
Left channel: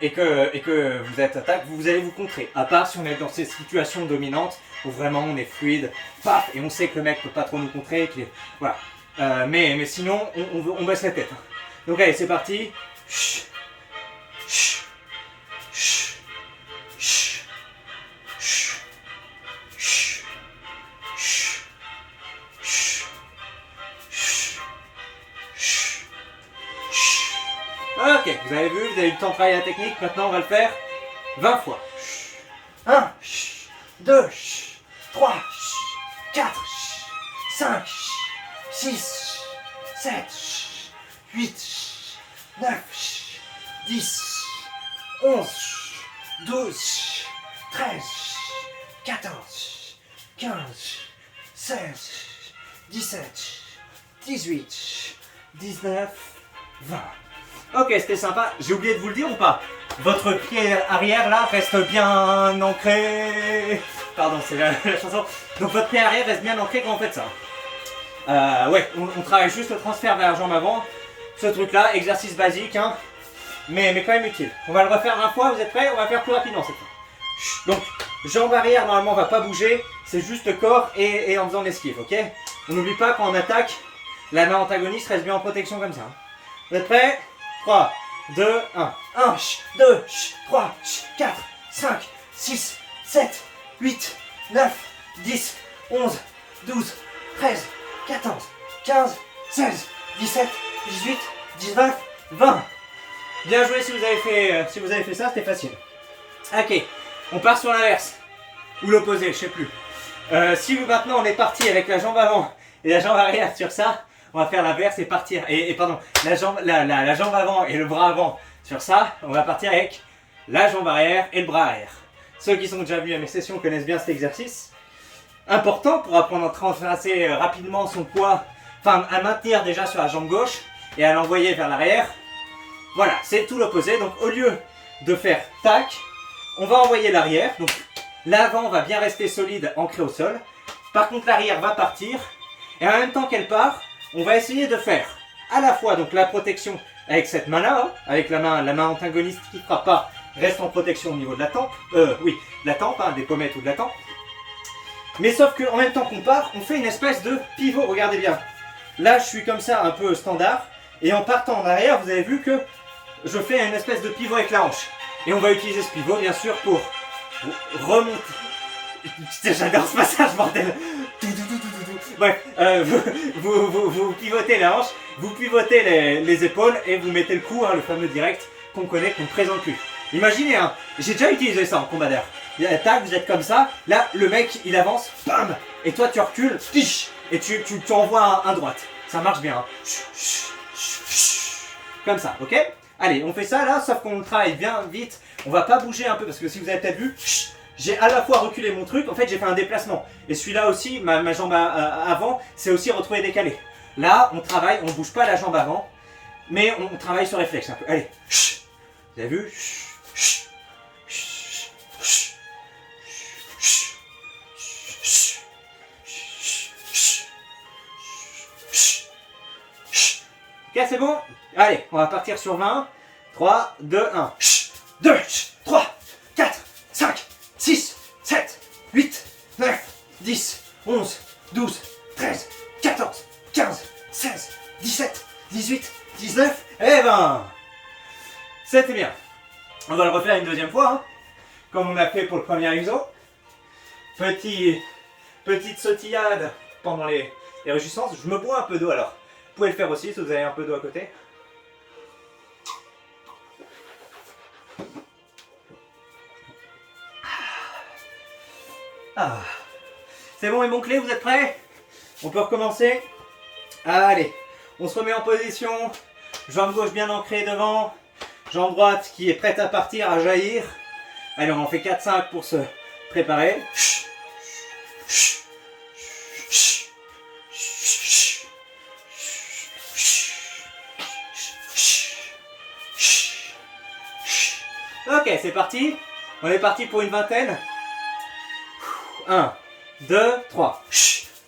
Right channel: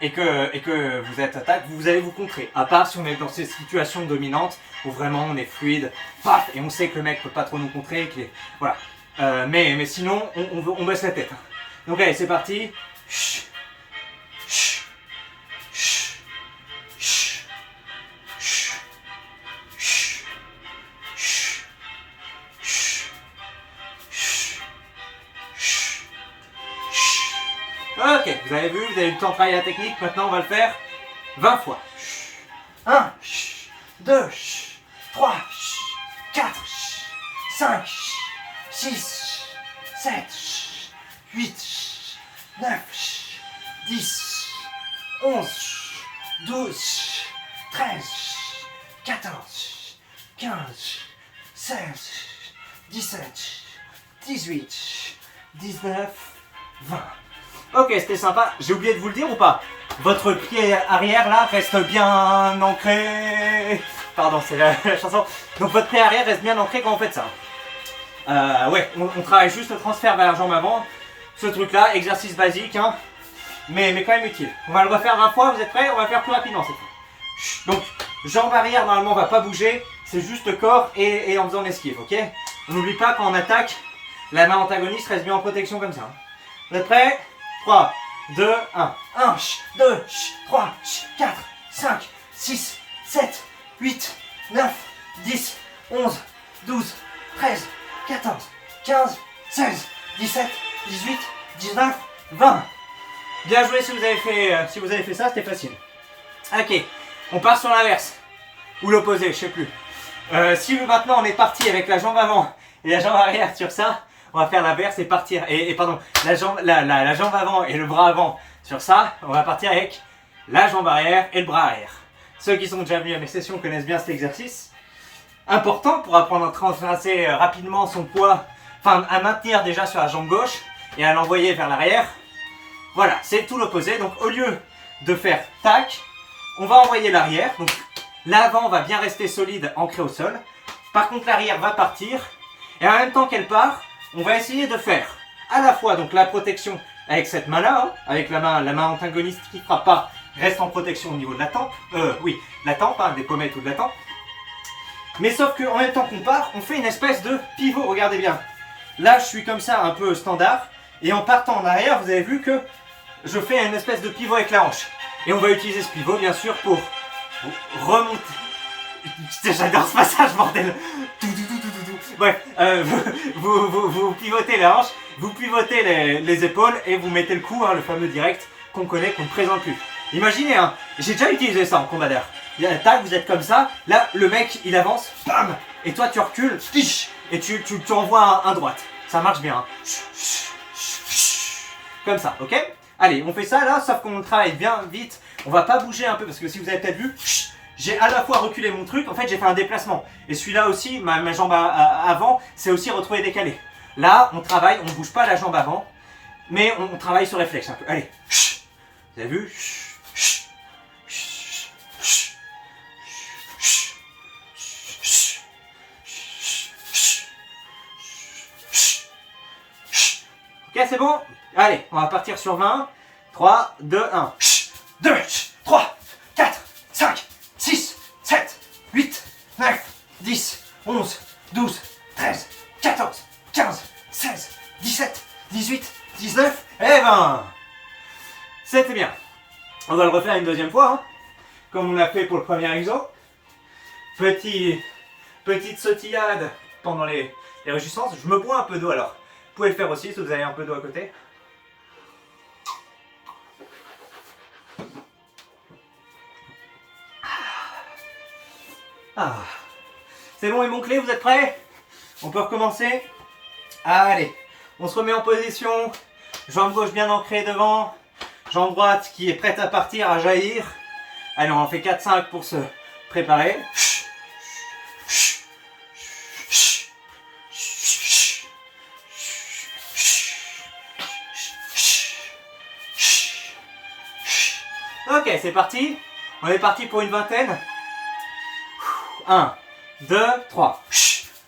et que vous êtes attaque, vous allez vous contrer. À part si on est dans ces situations dominantes où vraiment on est fluide, paf, et on sait que le mec peut pas trop nous contrer, voilà. Mais sinon, on baisse la tête. Hein. Donc allez, c'est parti. Ok, vous avez vu, vous avez eu le temps de travailler la technique, maintenant on va le faire 20 fois. 1, 2, 3, 4, 5, 6, 7, 8, 9, 10, 11, 12, 13, 14, 15, 16, 17, 18, 19, 20. Ok, c'était sympa. J'ai oublié de vous le dire ou pas? Votre pied arrière là reste bien ancré. Pardon, c'est la chanson. Donc votre pied arrière reste bien ancré quand vous faites ça. Ouais, on travaille juste le transfert vers la jambe avant. Ce truc là, exercice basique, hein, mais quand même utile. On va le refaire 20 fois, vous êtes prêts? On va faire plus rapidement cette fois. Donc, Jambe arrière, normalement, on va pas bouger. C'est juste le corps et en faisant l'esquive, ok? On n'oublie pas, quand on attaque, la main antagoniste reste bien en protection comme ça. Hein. Vous êtes prêts? 3, 2, 1. 1, 2, 3, 4, 5, 6, 7, 8, 9, 10, 11, 12, 13, 14, 15, 16, 17, 18, 19, 20. Bien joué si vous avez fait ça, c'était facile. Ok, on part sur l'inverse. Ou l'opposé, je sais plus. Si maintenant on est parti avec la jambe avant et la jambe arrière sur ça, on va faire l'inverse et partir. Et pardon, la jambe avant et le bras avant sur ça, on va partir avec la jambe arrière et le bras arrière. Ceux qui sont déjà venus à mes sessions connaissent bien cet exercice. Important pour apprendre à transverser rapidement son poids, enfin à maintenir déjà sur la jambe gauche et à l'envoyer vers l'arrière. Voilà, c'est tout l'opposé. Donc au lieu de faire tac, on va envoyer l'arrière. Donc l'avant va bien rester solide, ancré au sol. Par contre l'arrière va partir. Et en même temps qu'elle part, on va essayer de faire à la fois donc la protection avec cette main-là, hein, avec la main antagoniste qui ne frappe pas, reste en protection au niveau de la tempe. Oui, la tempe, hein, des pommettes ou de la tempe. Mais sauf qu'en même temps qu'on part, on fait une espèce de pivot, regardez bien. Là, je suis comme ça, un peu standard. Et en partant en arrière, vous avez vu que je fais une espèce de pivot avec la hanche. Et on va utiliser ce pivot, bien sûr, pour remonter. J'adore ce passage, bordel. Bref, vous pivotez la hanche, vous pivotez les épaules et vous mettez le coup, hein, le fameux direct qu'on connaît, qu'on ne présente plus. Imaginez, hein, j'ai déjà utilisé ça en combat d'air. Tac, vous êtes comme ça, là, le mec, il avance, bam, et toi, tu recules, et tu envoies un droite. Ça marche bien. Hein. Comme ça, ok? Allez, on fait ça là, sauf qu'on travaille bien vite. On va pas bouger un peu, parce que si vous avez peut-être vu, j'ai à la fois reculé mon truc, en fait j'ai fait un déplacement. Et celui-là aussi, ma jambe avant, c'est aussi retrouvé décalé. Là, on travaille, on bouge pas la jambe avant, mais on travaille sur réflexe un peu. Allez, vous avez vu? Ok, c'est bon? Allez, on va partir sur 20. 3, 2, 1. 2, 3, 4, 5, 6, 7, 8, 9, 10, 11, 12, 13, 14, 15, 16, 17, 18, 19 et 20. C'était bien. On va le refaire une deuxième fois, hein, comme on a fait pour le premier exo. Petite sautillade pendant les réjouissances. Je me bois un peu d'eau alors. Vous pouvez le faire aussi si vous avez un peu d'eau à côté. Ah. C'est bon, mes bons clés, vous êtes prêts? On peut recommencer? Allez, on se remet en position. Jambe gauche bien ancrée devant. Jambe droite qui est prête à partir, à jaillir. Allez, on en fait 4-5 pour se préparer. Ok, c'est parti. On est parti pour une vingtaine. 1, 2, 3.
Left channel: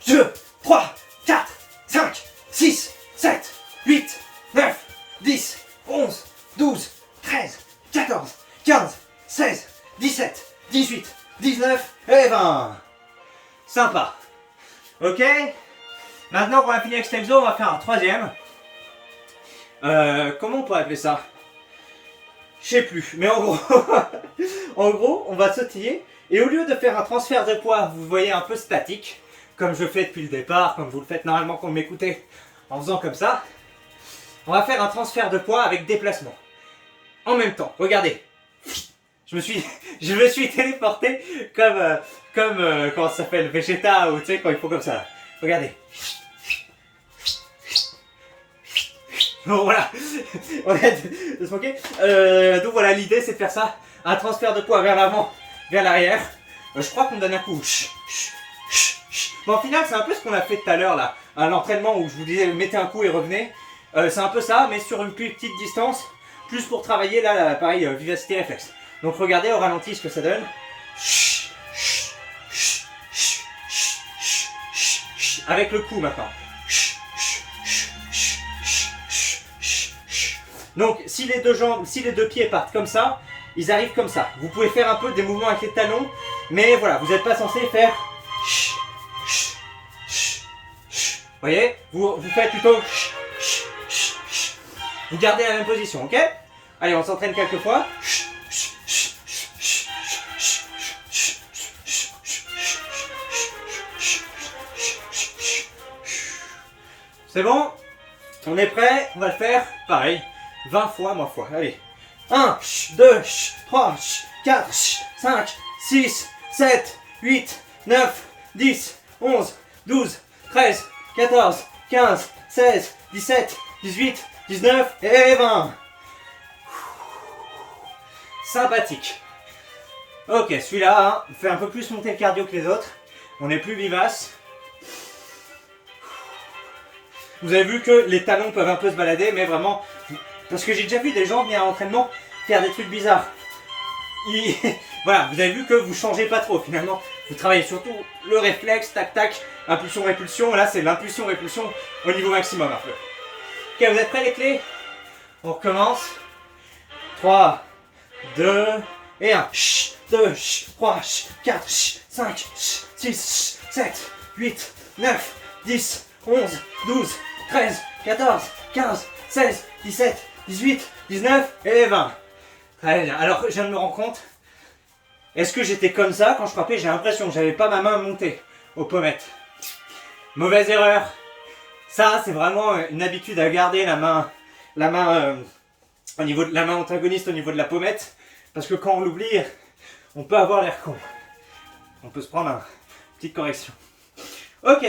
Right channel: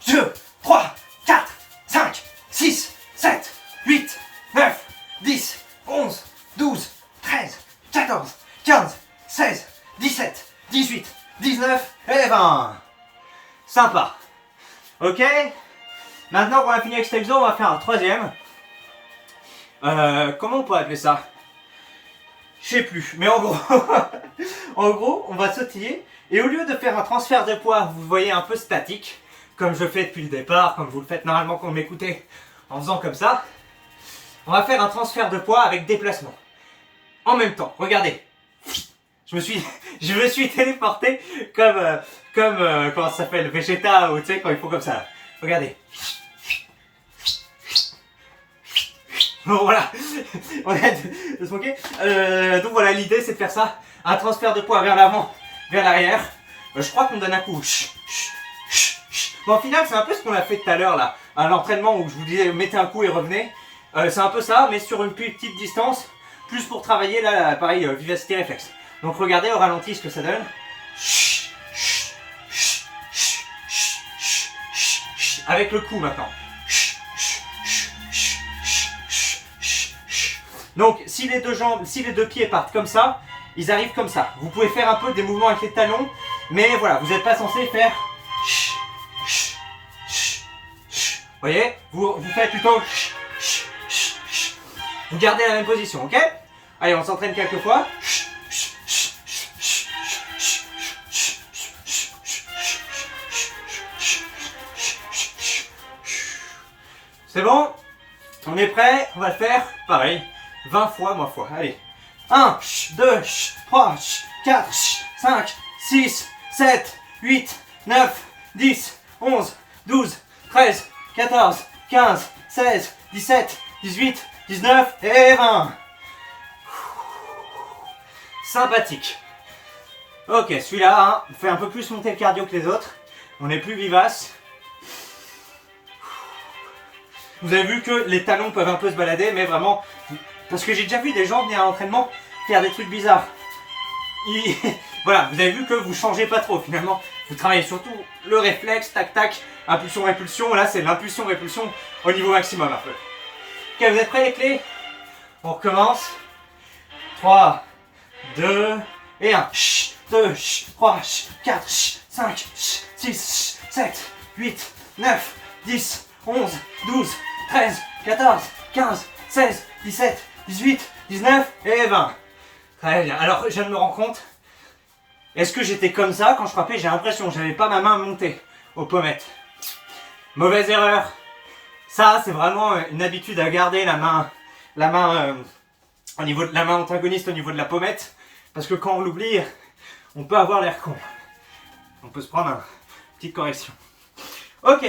2, 3, 4, 5, 6, 7, 8, 9, 10, 11, 12, 13, 14, 15, 16, 17, 18, 19 et 20. Sympa. Ok. Maintenant qu'on a fini avec cet exo, on va faire un troisième. Comment on pourrait appeler ça? Je sais plus, mais en gros, en gros, on va sautiller et au lieu de faire un transfert de poids, vous voyez un peu statique, comme je fais depuis le départ, comme vous le faites normalement quand vous m'écoutez, en faisant comme ça, on va faire un transfert de poids avec déplacement. En même temps, regardez, je me suis téléporté comme comment ça s'appelle, Vegeta ou tu sais quand ils font comme ça. Regardez. Bon voilà, on a de se moquer. Donc voilà, l'idée c'est de faire ça, un transfert de poids vers l'avant, vers l'arrière. Je crois qu'on donne un coup. Bon, au final c'est un peu ce qu'on a fait tout à l'heure là, à l'entraînement où je vous disais mettez un coup et revenez. C'est un peu ça, mais sur une plus petite distance, plus pour travailler là, pareil, vivacité réflexe. Donc regardez au ralenti ce que ça donne. Avec le coup maintenant. Donc si les deux pieds partent comme ça, ils arrivent comme ça. Vous pouvez faire un peu des mouvements avec les talons, Mais voilà, vous n'êtes pas censé faire... Vous voyez, vous faites plutôt... Vous gardez la même position, ok? Allez, on s'entraîne quelques fois. C'est bon? On est prêt? On va le faire pareil. 20 fois, moins fois. Allez. 1, 2, 3, 4, 5, 6, 7, 8, 9, 10, 11, 12, 13, 14, 15, 16, 17, 18, 19 et 20. Sympathique. Ok, celui-là, fait un peu plus monter le cardio que les autres. On est plus vivace. Vous avez vu que les talons peuvent un peu se balader, mais vraiment... Parce que j'ai déjà vu des gens venir à l'entraînement faire des trucs bizarres. Voilà, vous avez vu que vous changez pas trop finalement. Vous travaillez surtout le réflexe, tac tac, impulsion, répulsion. Là, c'est l'impulsion, répulsion au niveau maximum un peu. Ok, vous êtes prêts les clés? On recommence. 3, 2 et 1. 2, 3, 4, 5, 6, 7, 8, 9, 10, 11, 12, 13, 14, 15, 16, 17, 18, 19 et 20. Très bien. Alors, je viens de me rendre compte. Est-ce que j'étais comme ça quand je frappais? J'ai l'impression que j'avais pas ma main montée aux pommettes. Mauvaise erreur. Ça, c'est vraiment une habitude à garder la main au niveau de la main antagoniste au niveau de la pommette. Parce que quand on l'oublie, on peut avoir l'air con. On peut se prendre une petite correction. Ok.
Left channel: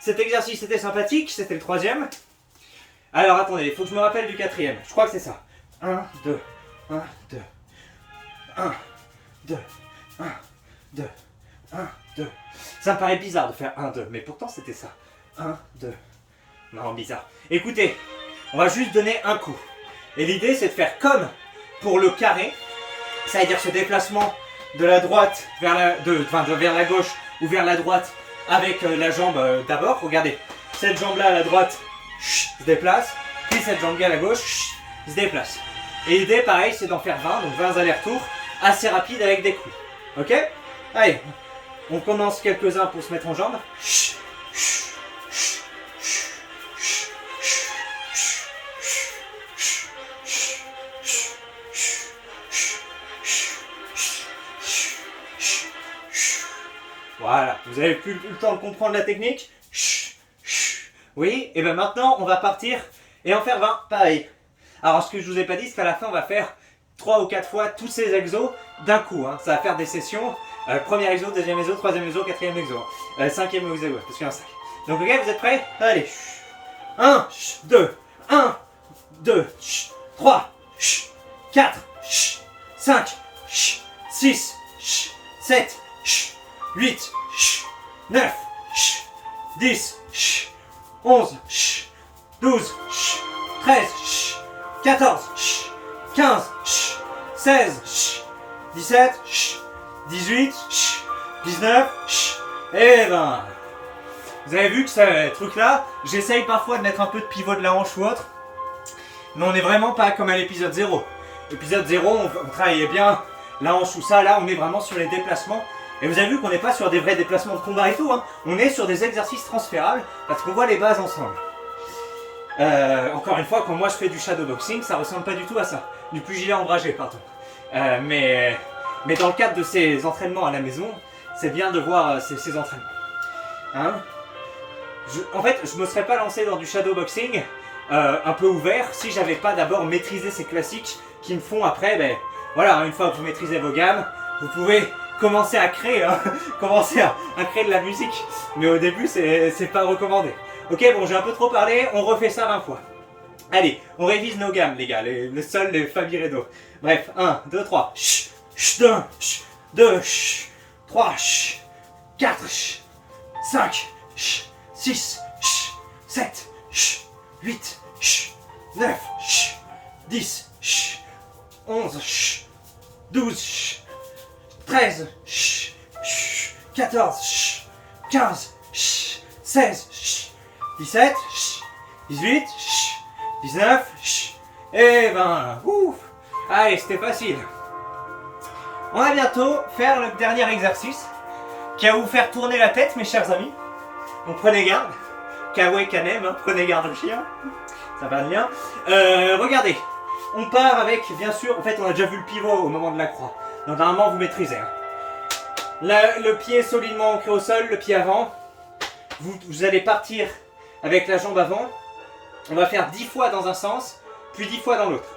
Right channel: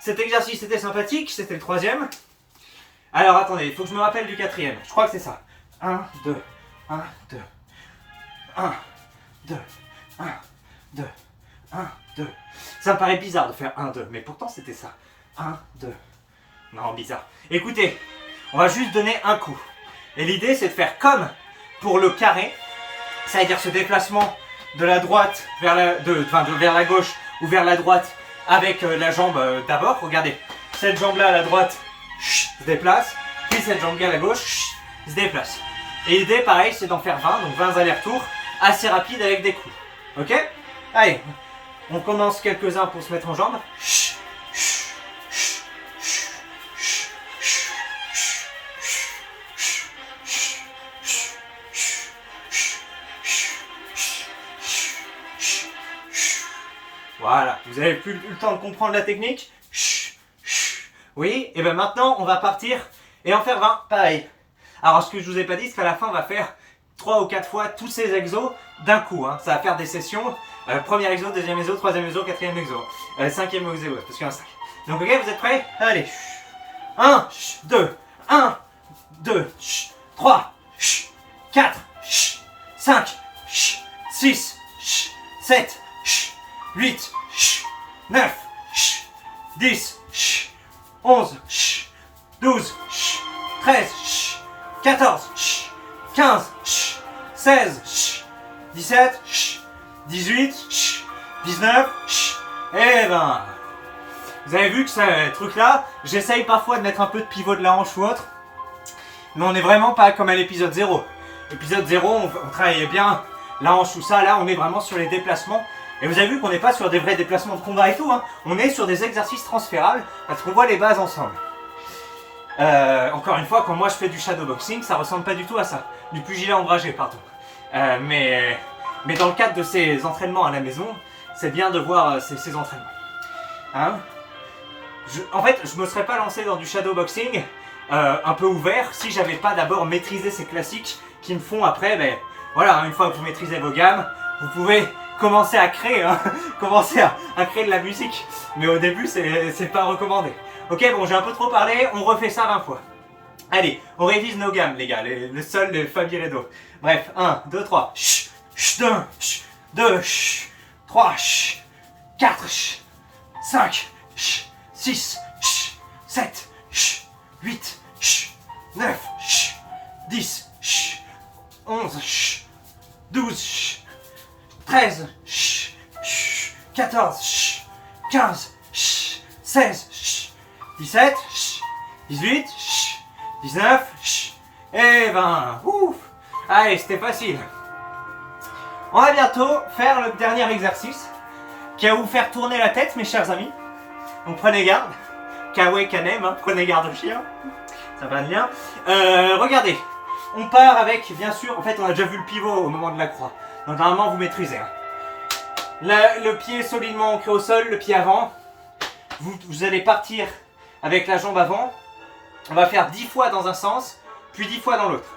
Cet exercice était sympathique. C'était le 3e. Alors, attendez. Il faut que je me rappelle du 4e. Je crois que c'est ça. 1, 2, 1, 2. 1, 2, 1, 2, 1, 2. Ça me paraît bizarre de faire 1, 2, mais pourtant c'était ça. 1, 2. Non, bizarre. Écoutez, on va juste donner un coup. Et l'idée, c'est de faire comme pour le carré. Ça veut dire ce déplacement de la droite vers vers la gauche ou vers la droite avec la jambe d'abord. Regardez, cette jambe-là à la droite se déplace, puis cette jambe-là à la gauche se déplace. Et l'idée, pareil, c'est d'en faire 20, donc 20 allers-retours, assez rapides avec des coups. Ok? Allez, on commence quelques-uns pour se mettre en jambes. Voilà, vous avez plus le temps de comprendre la technique? Oui, et bien maintenant, on va partir et en faire 20, pareil. Alors, ce que je vous ai pas dit, c'est qu'à la fin, on va faire 3 ou 4 fois tous ces exos d'un coup. Hein. Ça va faire des sessions. Premier exo, deuxième exo, troisième exo, quatrième exo. Cinquième exo, parce qu'il y en a 5. Donc, ok, vous êtes prêts? Allez. 1, 2, 1, 2, 3, 4, 5, 6, 7, 8, 9, 10, 11, 12, 13, 14, 15, 16, 17, 18, 19 et 20. Vous avez vu que ce truc-là, j'essaye parfois de mettre un peu de pivot de la hanche ou autre, mais on n'est vraiment pas comme à l'épisode 0. L'épisode 0, on travaillait bien la hanche ou ça, là on est vraiment sur les déplacements. Et vous avez vu qu'on n'est pas sur des vrais déplacements de combat et tout, hein. On est sur des exercices transférables parce qu'on voit les bases ensemble. Encore une fois, quand moi je fais du shadowboxing, ça ressemble pas du tout à ça. Du pugilat ombragé, pardon. Mais dans le cadre de ces entraînements à la maison, c'est bien de voir ces entraînements. Hein? En fait, je me serais pas lancé dans du shadowboxing un peu ouvert si j'avais pas d'abord maîtrisé ces classiques qui me font après, ben voilà, une fois que vous maîtrisez vos gammes, vous pouvez commencer à créer, hein, commencer à créer de la musique. Mais au début, c'est pas recommandé. Ok, bon, j'ai un peu trop parlé, on refait ça 20 fois. Allez, on révise nos gammes, les gars, les sols, les fa, mi, ré, do. Bref, 1, 2, 3. 1, 2, 3, 4, 5, 6, 7, 8, 9, 10, 11, 12, 13, 14, 15, 16, 17, 18, 19 et 20. Ouf. Allez, c'était facile. On va bientôt faire le dernier exercice qui va vous faire tourner la tête, mes chers amis. Donc prenez garde. Kawe Kanem, hein, prenez garde au chien. Ça va bien. Regardez. On part avec, bien sûr, en fait on a déjà vu le pivot au moment de la croix. Donc normalement vous maîtrisez. Hein. Là, le pied solidement ancré au sol, le pied avant. Vous allez partir avec la jambe avant. On va faire 10 fois dans un sens, puis 10 fois dans l'autre.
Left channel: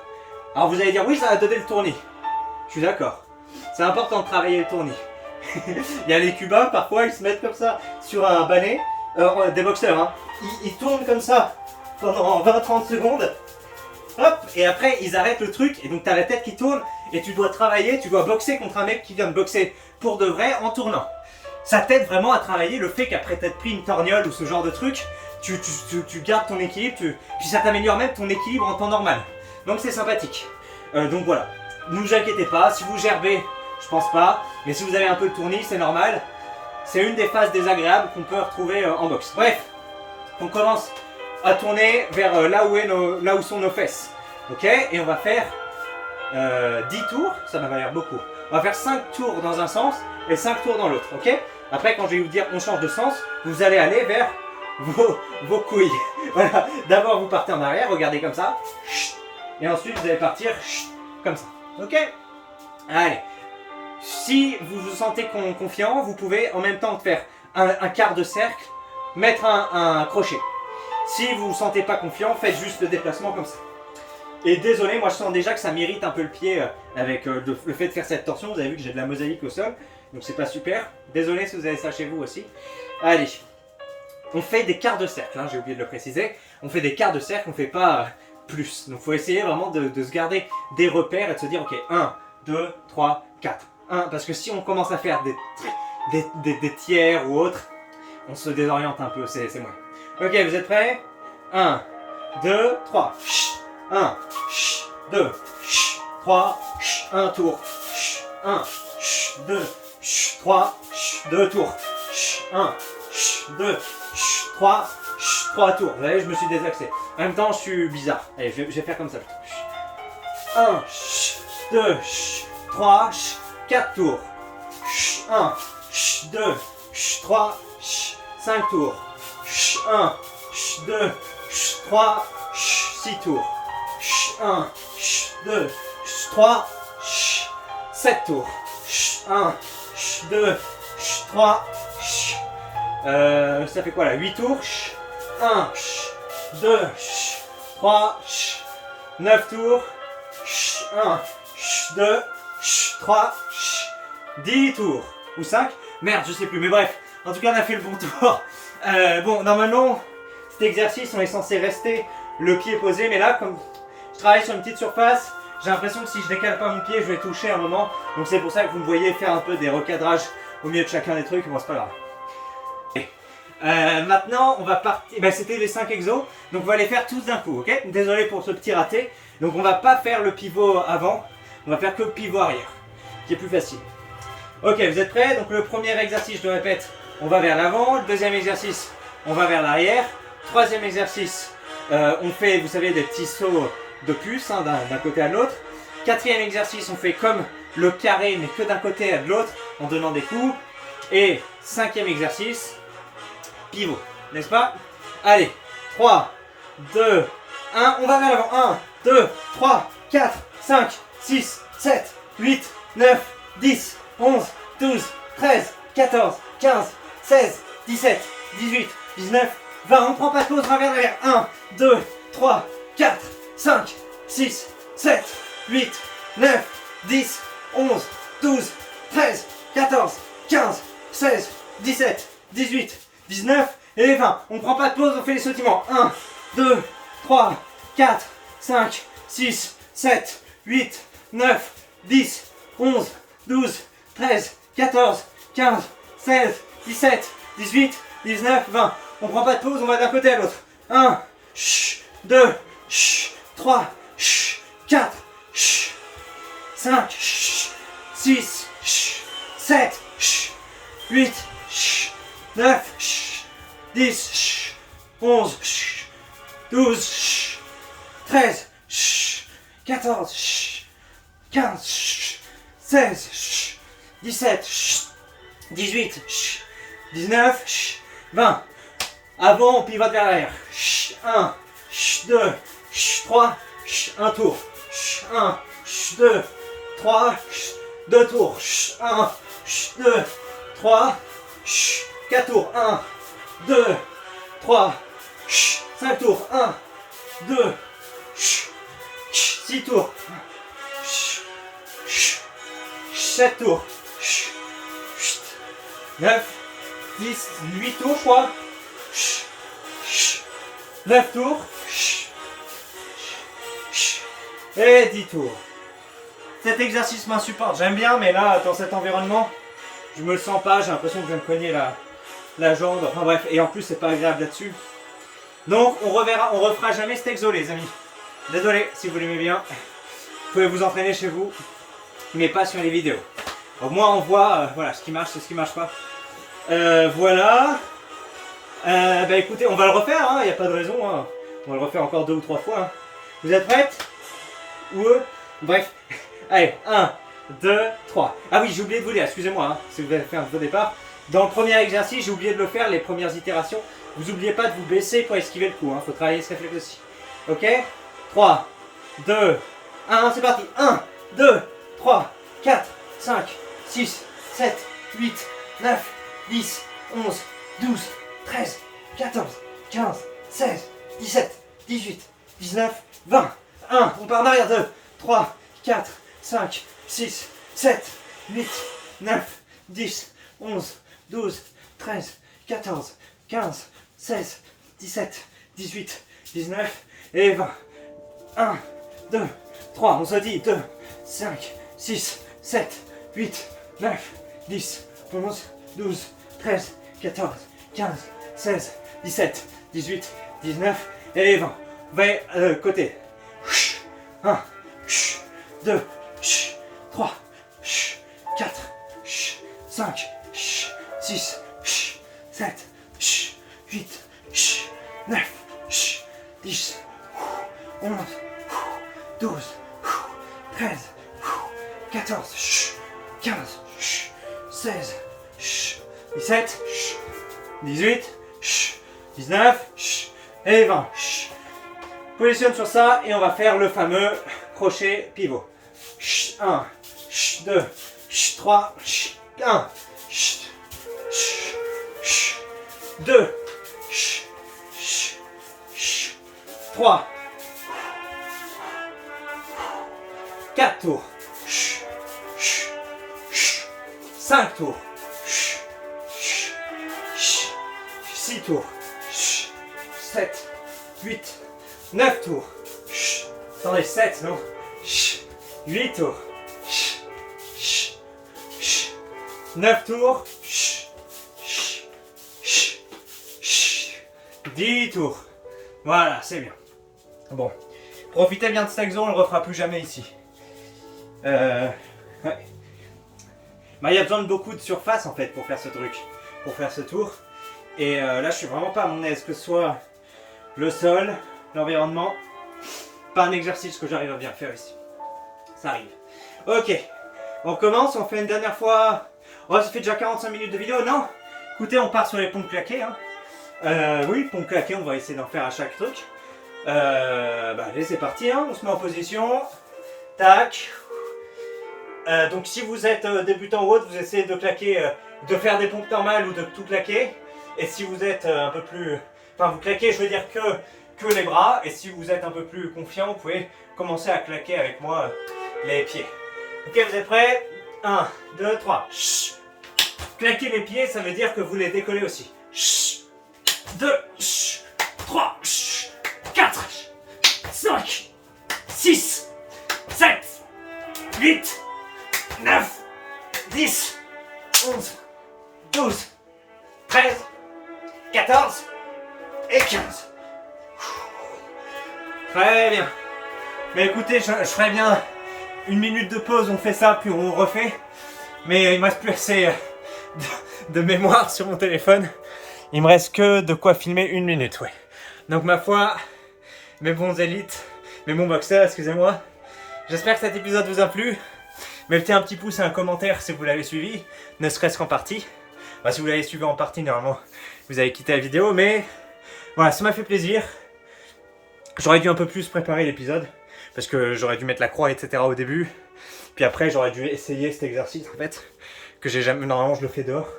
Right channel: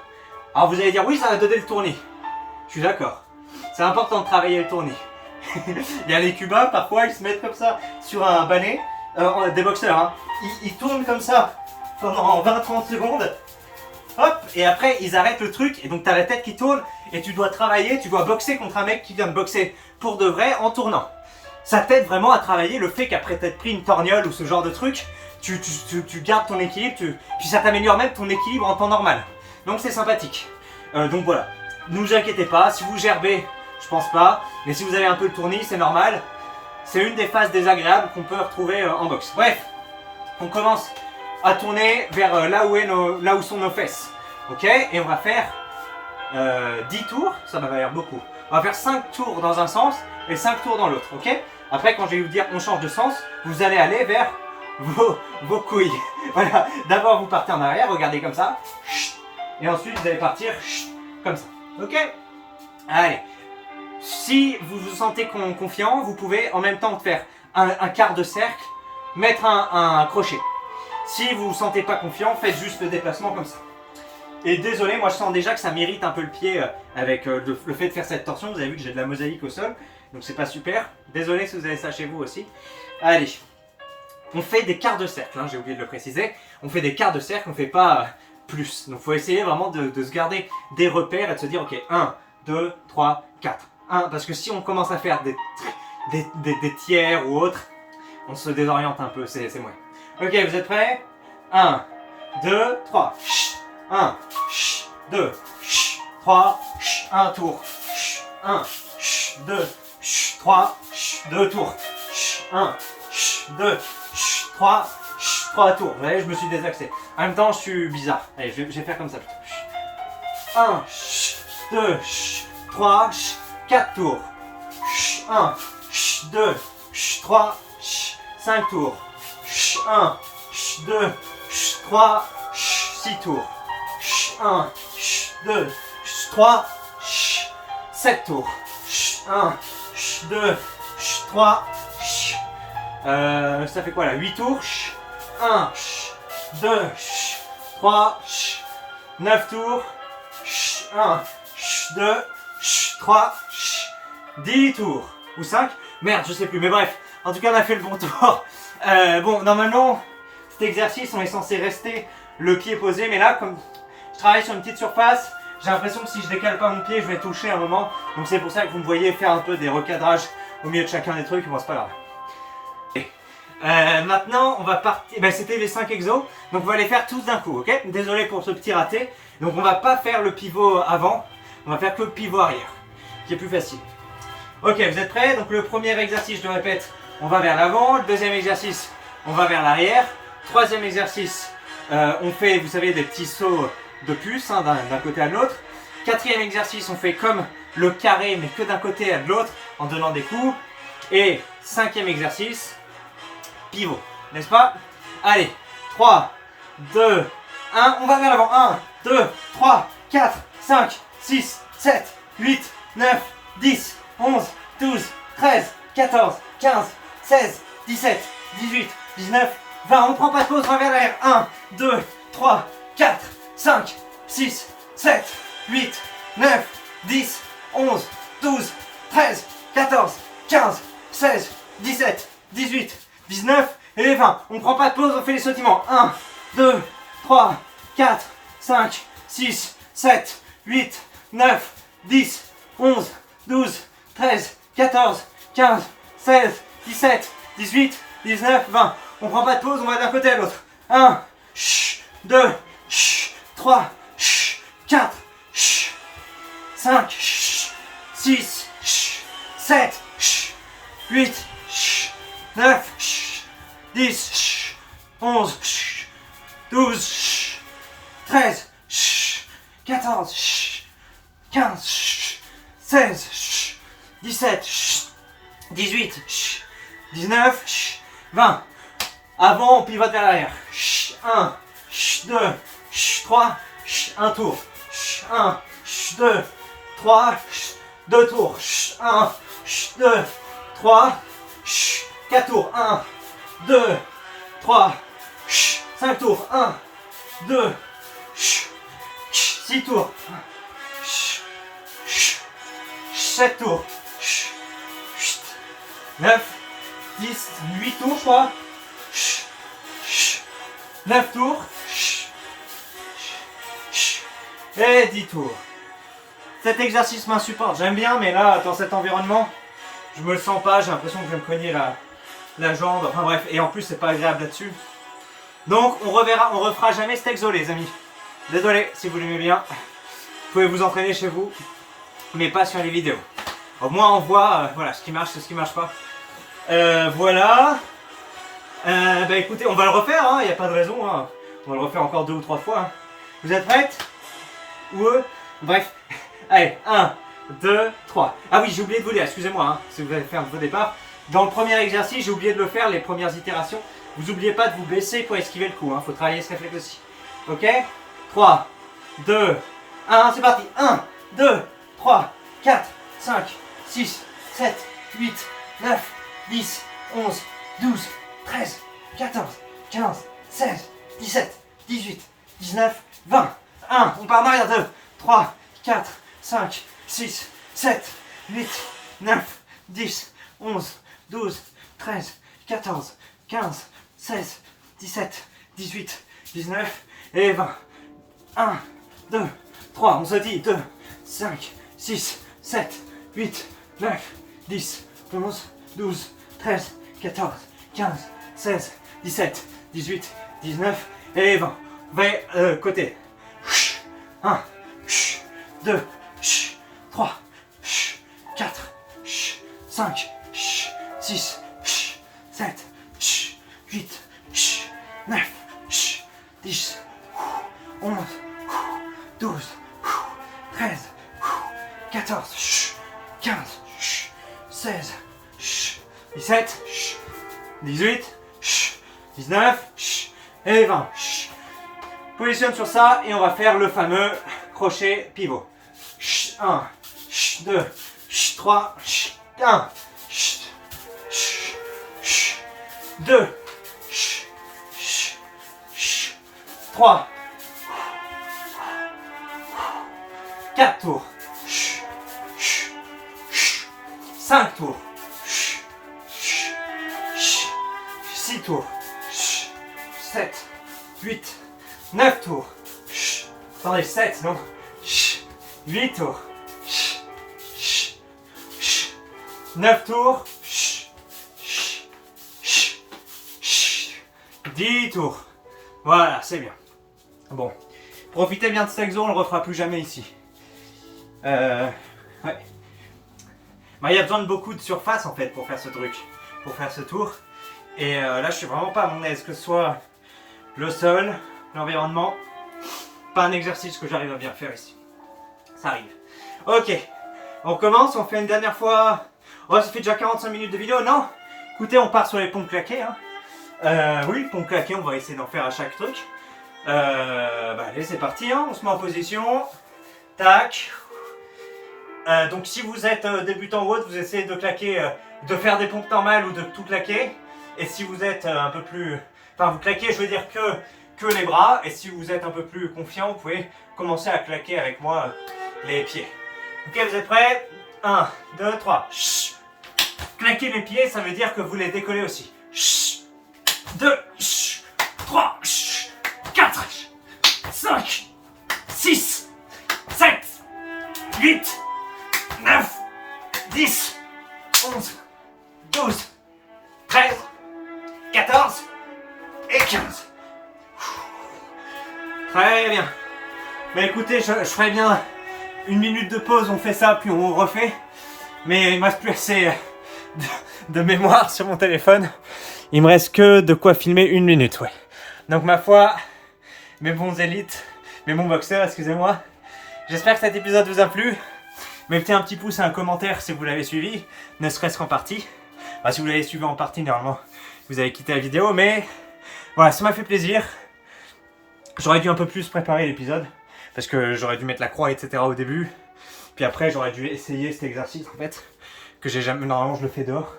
Alors vous allez dire, oui, ça va donner le tournis. Je suis d'accord. C'est important de travailler le tournis. Il y a les Cubains, parfois, ils se mettent comme ça sur un balai. Des boxeurs, hein. Ils tournent comme ça pendant 20-30 secondes. Hop, et après, ils arrêtent le truc. Et donc, tu as la tête qui tourne. Et tu dois travailler, tu dois boxer contre un mec qui vient de boxer pour de vrai en tournant. Ça t'aide vraiment à travailler le fait qu'après t'être pris une torgnole ou ce genre de truc, tu gardes ton équilibre, puis ça t'améliore même ton équilibre en temps normal. Donc c'est sympathique. Donc voilà, ne vous inquiétez pas, si vous gerbez, je pense pas, mais si vous avez un peu le tournis, c'est normal. C'est une des phases désagréables qu'on peut retrouver en boxe. Bref, on commence à tourner vers là où sont nos fesses. Ok, et on va faire 10 tours, ça m'a l'air beaucoup. On va faire 5 tours dans un sens et 5 tours dans l'autre, ok? Après, quand je vais vous dire on change de sens, vous allez aller vers vos couilles. Voilà, d'abord vous partez en arrière, regardez comme ça. Et ensuite vous allez partir comme ça, ok? Allez, si vous vous sentez confiant, vous pouvez en même temps faire un quart de cercle, mettre un crochet. Si vous ne vous sentez pas confiant, faites juste le déplacement comme ça. Et désolé, moi je sens déjà que ça m'irrite un peu le pied avec le fait de faire cette torsion. Vous avez vu que j'ai de la mosaïque au sol, donc c'est pas super. Désolé si vous avez ça chez vous aussi. Allez, on fait des quarts de cercle, hein, j'ai oublié de le préciser. On fait des quarts de cercle, on ne fait pas plus. Donc il faut essayer vraiment de se garder des repères et de se dire ok, 1, 2, 3, 4. 1, parce que si on commence à faire des tiers ou autres, on se désoriente un peu, c'est moyen. Ok, vous êtes prêts? 1, 2, 3. 1, 2, 3, 1 tour. 1, 2, 3, 2 tours. 1, 2, 3, 3 tours. Vous voyez, je me suis désaxé. En même temps, je suis bizarre. Allez, je vais faire comme ça plutôt. 1, 2, 3, 4 tours. 1, 2, 3, 5 tours. 1, 2, 3, 6 tours. 1, 2, 3, 7 tours. 1, 2, 3, ça fait quoi là? 8 tours. 1, 2, 3, 9 tours. 1, 2, 3, 10 tours. Ou 5? Merde, je sais plus, mais bref. En tout cas, on a fait le bon tour. Bon, normalement, cet exercice, on est censé rester le pied posé, mais là, comme je travaille sur une petite surface, j'ai l'impression que si je décale pas mon pied, je vais toucher un moment. Donc c'est pour ça que vous me voyez faire un peu des recadrages au milieu de chacun des trucs. Bon, c'est pas grave. Maintenant, on va partir. Ben, c'était les 5 exos, donc on va les faire tous d'un coup, ok? Désolé pour ce petit raté. Donc on va pas faire le pivot avant, on va faire que le pivot arrière, qui est plus facile. Ok, vous êtes prêts? Donc le premier exercice, je le répète, on va vers l'avant. Le deuxième exercice, on va vers l'arrière. Troisième exercice, on fait, vous savez, des petits sauts de puce hein, d'un côté à l'autre. Quatrième exercice, on fait comme le carré, mais que d'un côté à de l'autre, en donnant des coups. Et cinquième exercice, pivot, n'est-ce pas? Allez, 3, 2, 1, on va vers l'avant. 1, 2, 3, 4, 5, 6, 7, 8, 9, 10, 11, 12, 13, 14, 15, 16, 17, 18, 19, 20. On ne prend pas de pause, on va vers l'arrière. 1, 2, 3, 4, 5, 6, 7, 8, 9, 10, 11, 12, 13, 14, 15, 16, 17, 18, 19 et 20. On ne prend pas de pause, on fait les sautillements. 1, 2, 3, 4, 5, 6, 7, 8, 9, 10, 11, 12, 13, 14, 15, 16, 17, 18, 19, 20. On prend pas de pause, on va d'un côté à l'autre. 1, 2, 3, 4, 5, 6, 7, 8, 9, 10, 11, 12, 13, 14, 15, 16, 17, 18, 19, 20. Avant, on pivote vers l'arrière. 1, 2, 3, un tour. 1, 2, 3, 2 tours. 1, 2, 3, 4 tours. 1, 2, 3, 5 tours. 1, 2, 6 tours. 7 tours. 9, 10, 8 tours, je crois. 9 tours. Et 10 tours. Cet exercice m'insupporte. J'aime bien, mais là, dans cet environnement, je me le sens pas. J'ai l'impression que je vais me cogner la jambe. Enfin bref, et en plus, c'est pas agréable là-dessus. Donc, on refera jamais cet exo, les amis. Désolé, si vous l'aimez bien. Vous pouvez vous entraîner chez vous, mais pas sur les vidéos. Au moins, on voit voilà, ce qui marche et ce qui marche pas. Voilà. Bah écoutez, on va le refaire, il n'y a pas de raison. Hein. On va le refaire encore 2 ou 3 fois. Hein. Vous êtes prêtes? Bref. Allez, 1, 2, 3. Ah oui, j'ai oublié de vous dire, excusez-moi, hein, si vous avez fait un faux départ. Dans le premier exercice, j'ai oublié de le faire, les premières itérations. Vous n'oubliez pas de vous baisser pour esquiver le coup. Faut travailler ce réflexe aussi. Ok? 3, 2, 1, c'est parti. 1, 2, 3, 4, 5, 6, 7, 8, 9, 10, 11, 12, 13, 14, 15, 16, 17, 18, 19, 20. 1, on part en arrière. 2, 3, 4, 5, 6, 7, 8, 9, 10, 11, 12, 13, 14, 15, 16, 17, 18, 19 et 20. 1, 2, 3, on se dit 2, 5, 6, 7, 8, 9, 10, 11, 12, 13, 14, 15, 16, 17, 18, 19 et 20. 20 côté. 1, 2, 3, 4, 5, 6, 7, 8, 9, 10, 11, 12, 13, 14, 15, 16, 17, 18, 19 et 20. Positionne sur ça et on va faire le fameux crochet pivot. 1, 2, 3, 1, 2, 3, 4 tours, 5 tours, 6 tours, 7, 8, 9 tours, attendez, 7, non, 8 tours, 9 tours, 10 tours. Voilà, c'est bien. Bon, profitez bien de cet exo, on le refera plus jamais ici. Ouais. Bah, il y a besoin de beaucoup de surface en fait pour faire ce truc, pour faire ce tour. Et là, je suis vraiment pas à mon aise, que ce soit le sol, l'environnement, pas un exercice que j'arrive à bien faire ici. Ça arrive. Ok, on commence, on fait une dernière fois. Oh, ça fait déjà 45 minutes de vidéo, non? Écoutez, on part sur les pompes claquées. Hein. Oui, pompes claquées, on va essayer d'en faire à chaque truc. Bah, allez, c'est parti, hein. On se met en position. Tac. Donc si vous êtes débutant ou autre, vous essayez de claquer, de faire des pompes normales ou de tout claquer. Et si vous êtes un peu plus... Enfin, vous claquez, je veux dire que les bras. Et si vous êtes un peu plus confiant, vous pouvez commencer à claquer avec moi les pieds. Ok, vous êtes prêts? 1, 2, 3. Claquer les pieds, ça veut dire que vous les décollez aussi. 2, 3, 4, 5, 6, 7, 8, 9, 10, 11, 12, 13, 14 et 15. Très bien. Mais écoutez, je ferai bien une minute de pause, on fait ça, puis on refait. Mais il me reste plus assez de mémoire sur mon téléphone. Il me reste que de quoi filmer une minute, oui. Donc ma foi, mes bons élites, mes bons boxeurs, excusez-moi. J'espère que cet épisode vous a plu. Mettez un petit pouce et un commentaire si vous l'avez suivi, ne serait-ce qu'en partie. Enfin, si vous l'avez suivi en partie, normalement, vous avez quitté la vidéo, mais voilà, ça m'a fait plaisir. J'aurais dû un peu plus préparer l'épisode, parce que j'aurais dû mettre la croix, etc. au début. Puis après, j'aurais dû essayer cet exercice, en fait, que j'ai jamais... Normalement, je le fais dehors.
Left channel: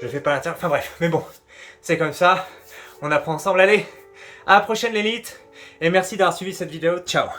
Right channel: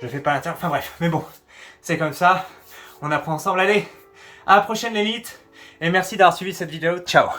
Je le fais pas à l'intérieur. Enfin bref, mais bon, c'est comme ça. On apprend ensemble. Allez, à la prochaine l'élite. Et merci d'avoir suivi cette vidéo. Ciao.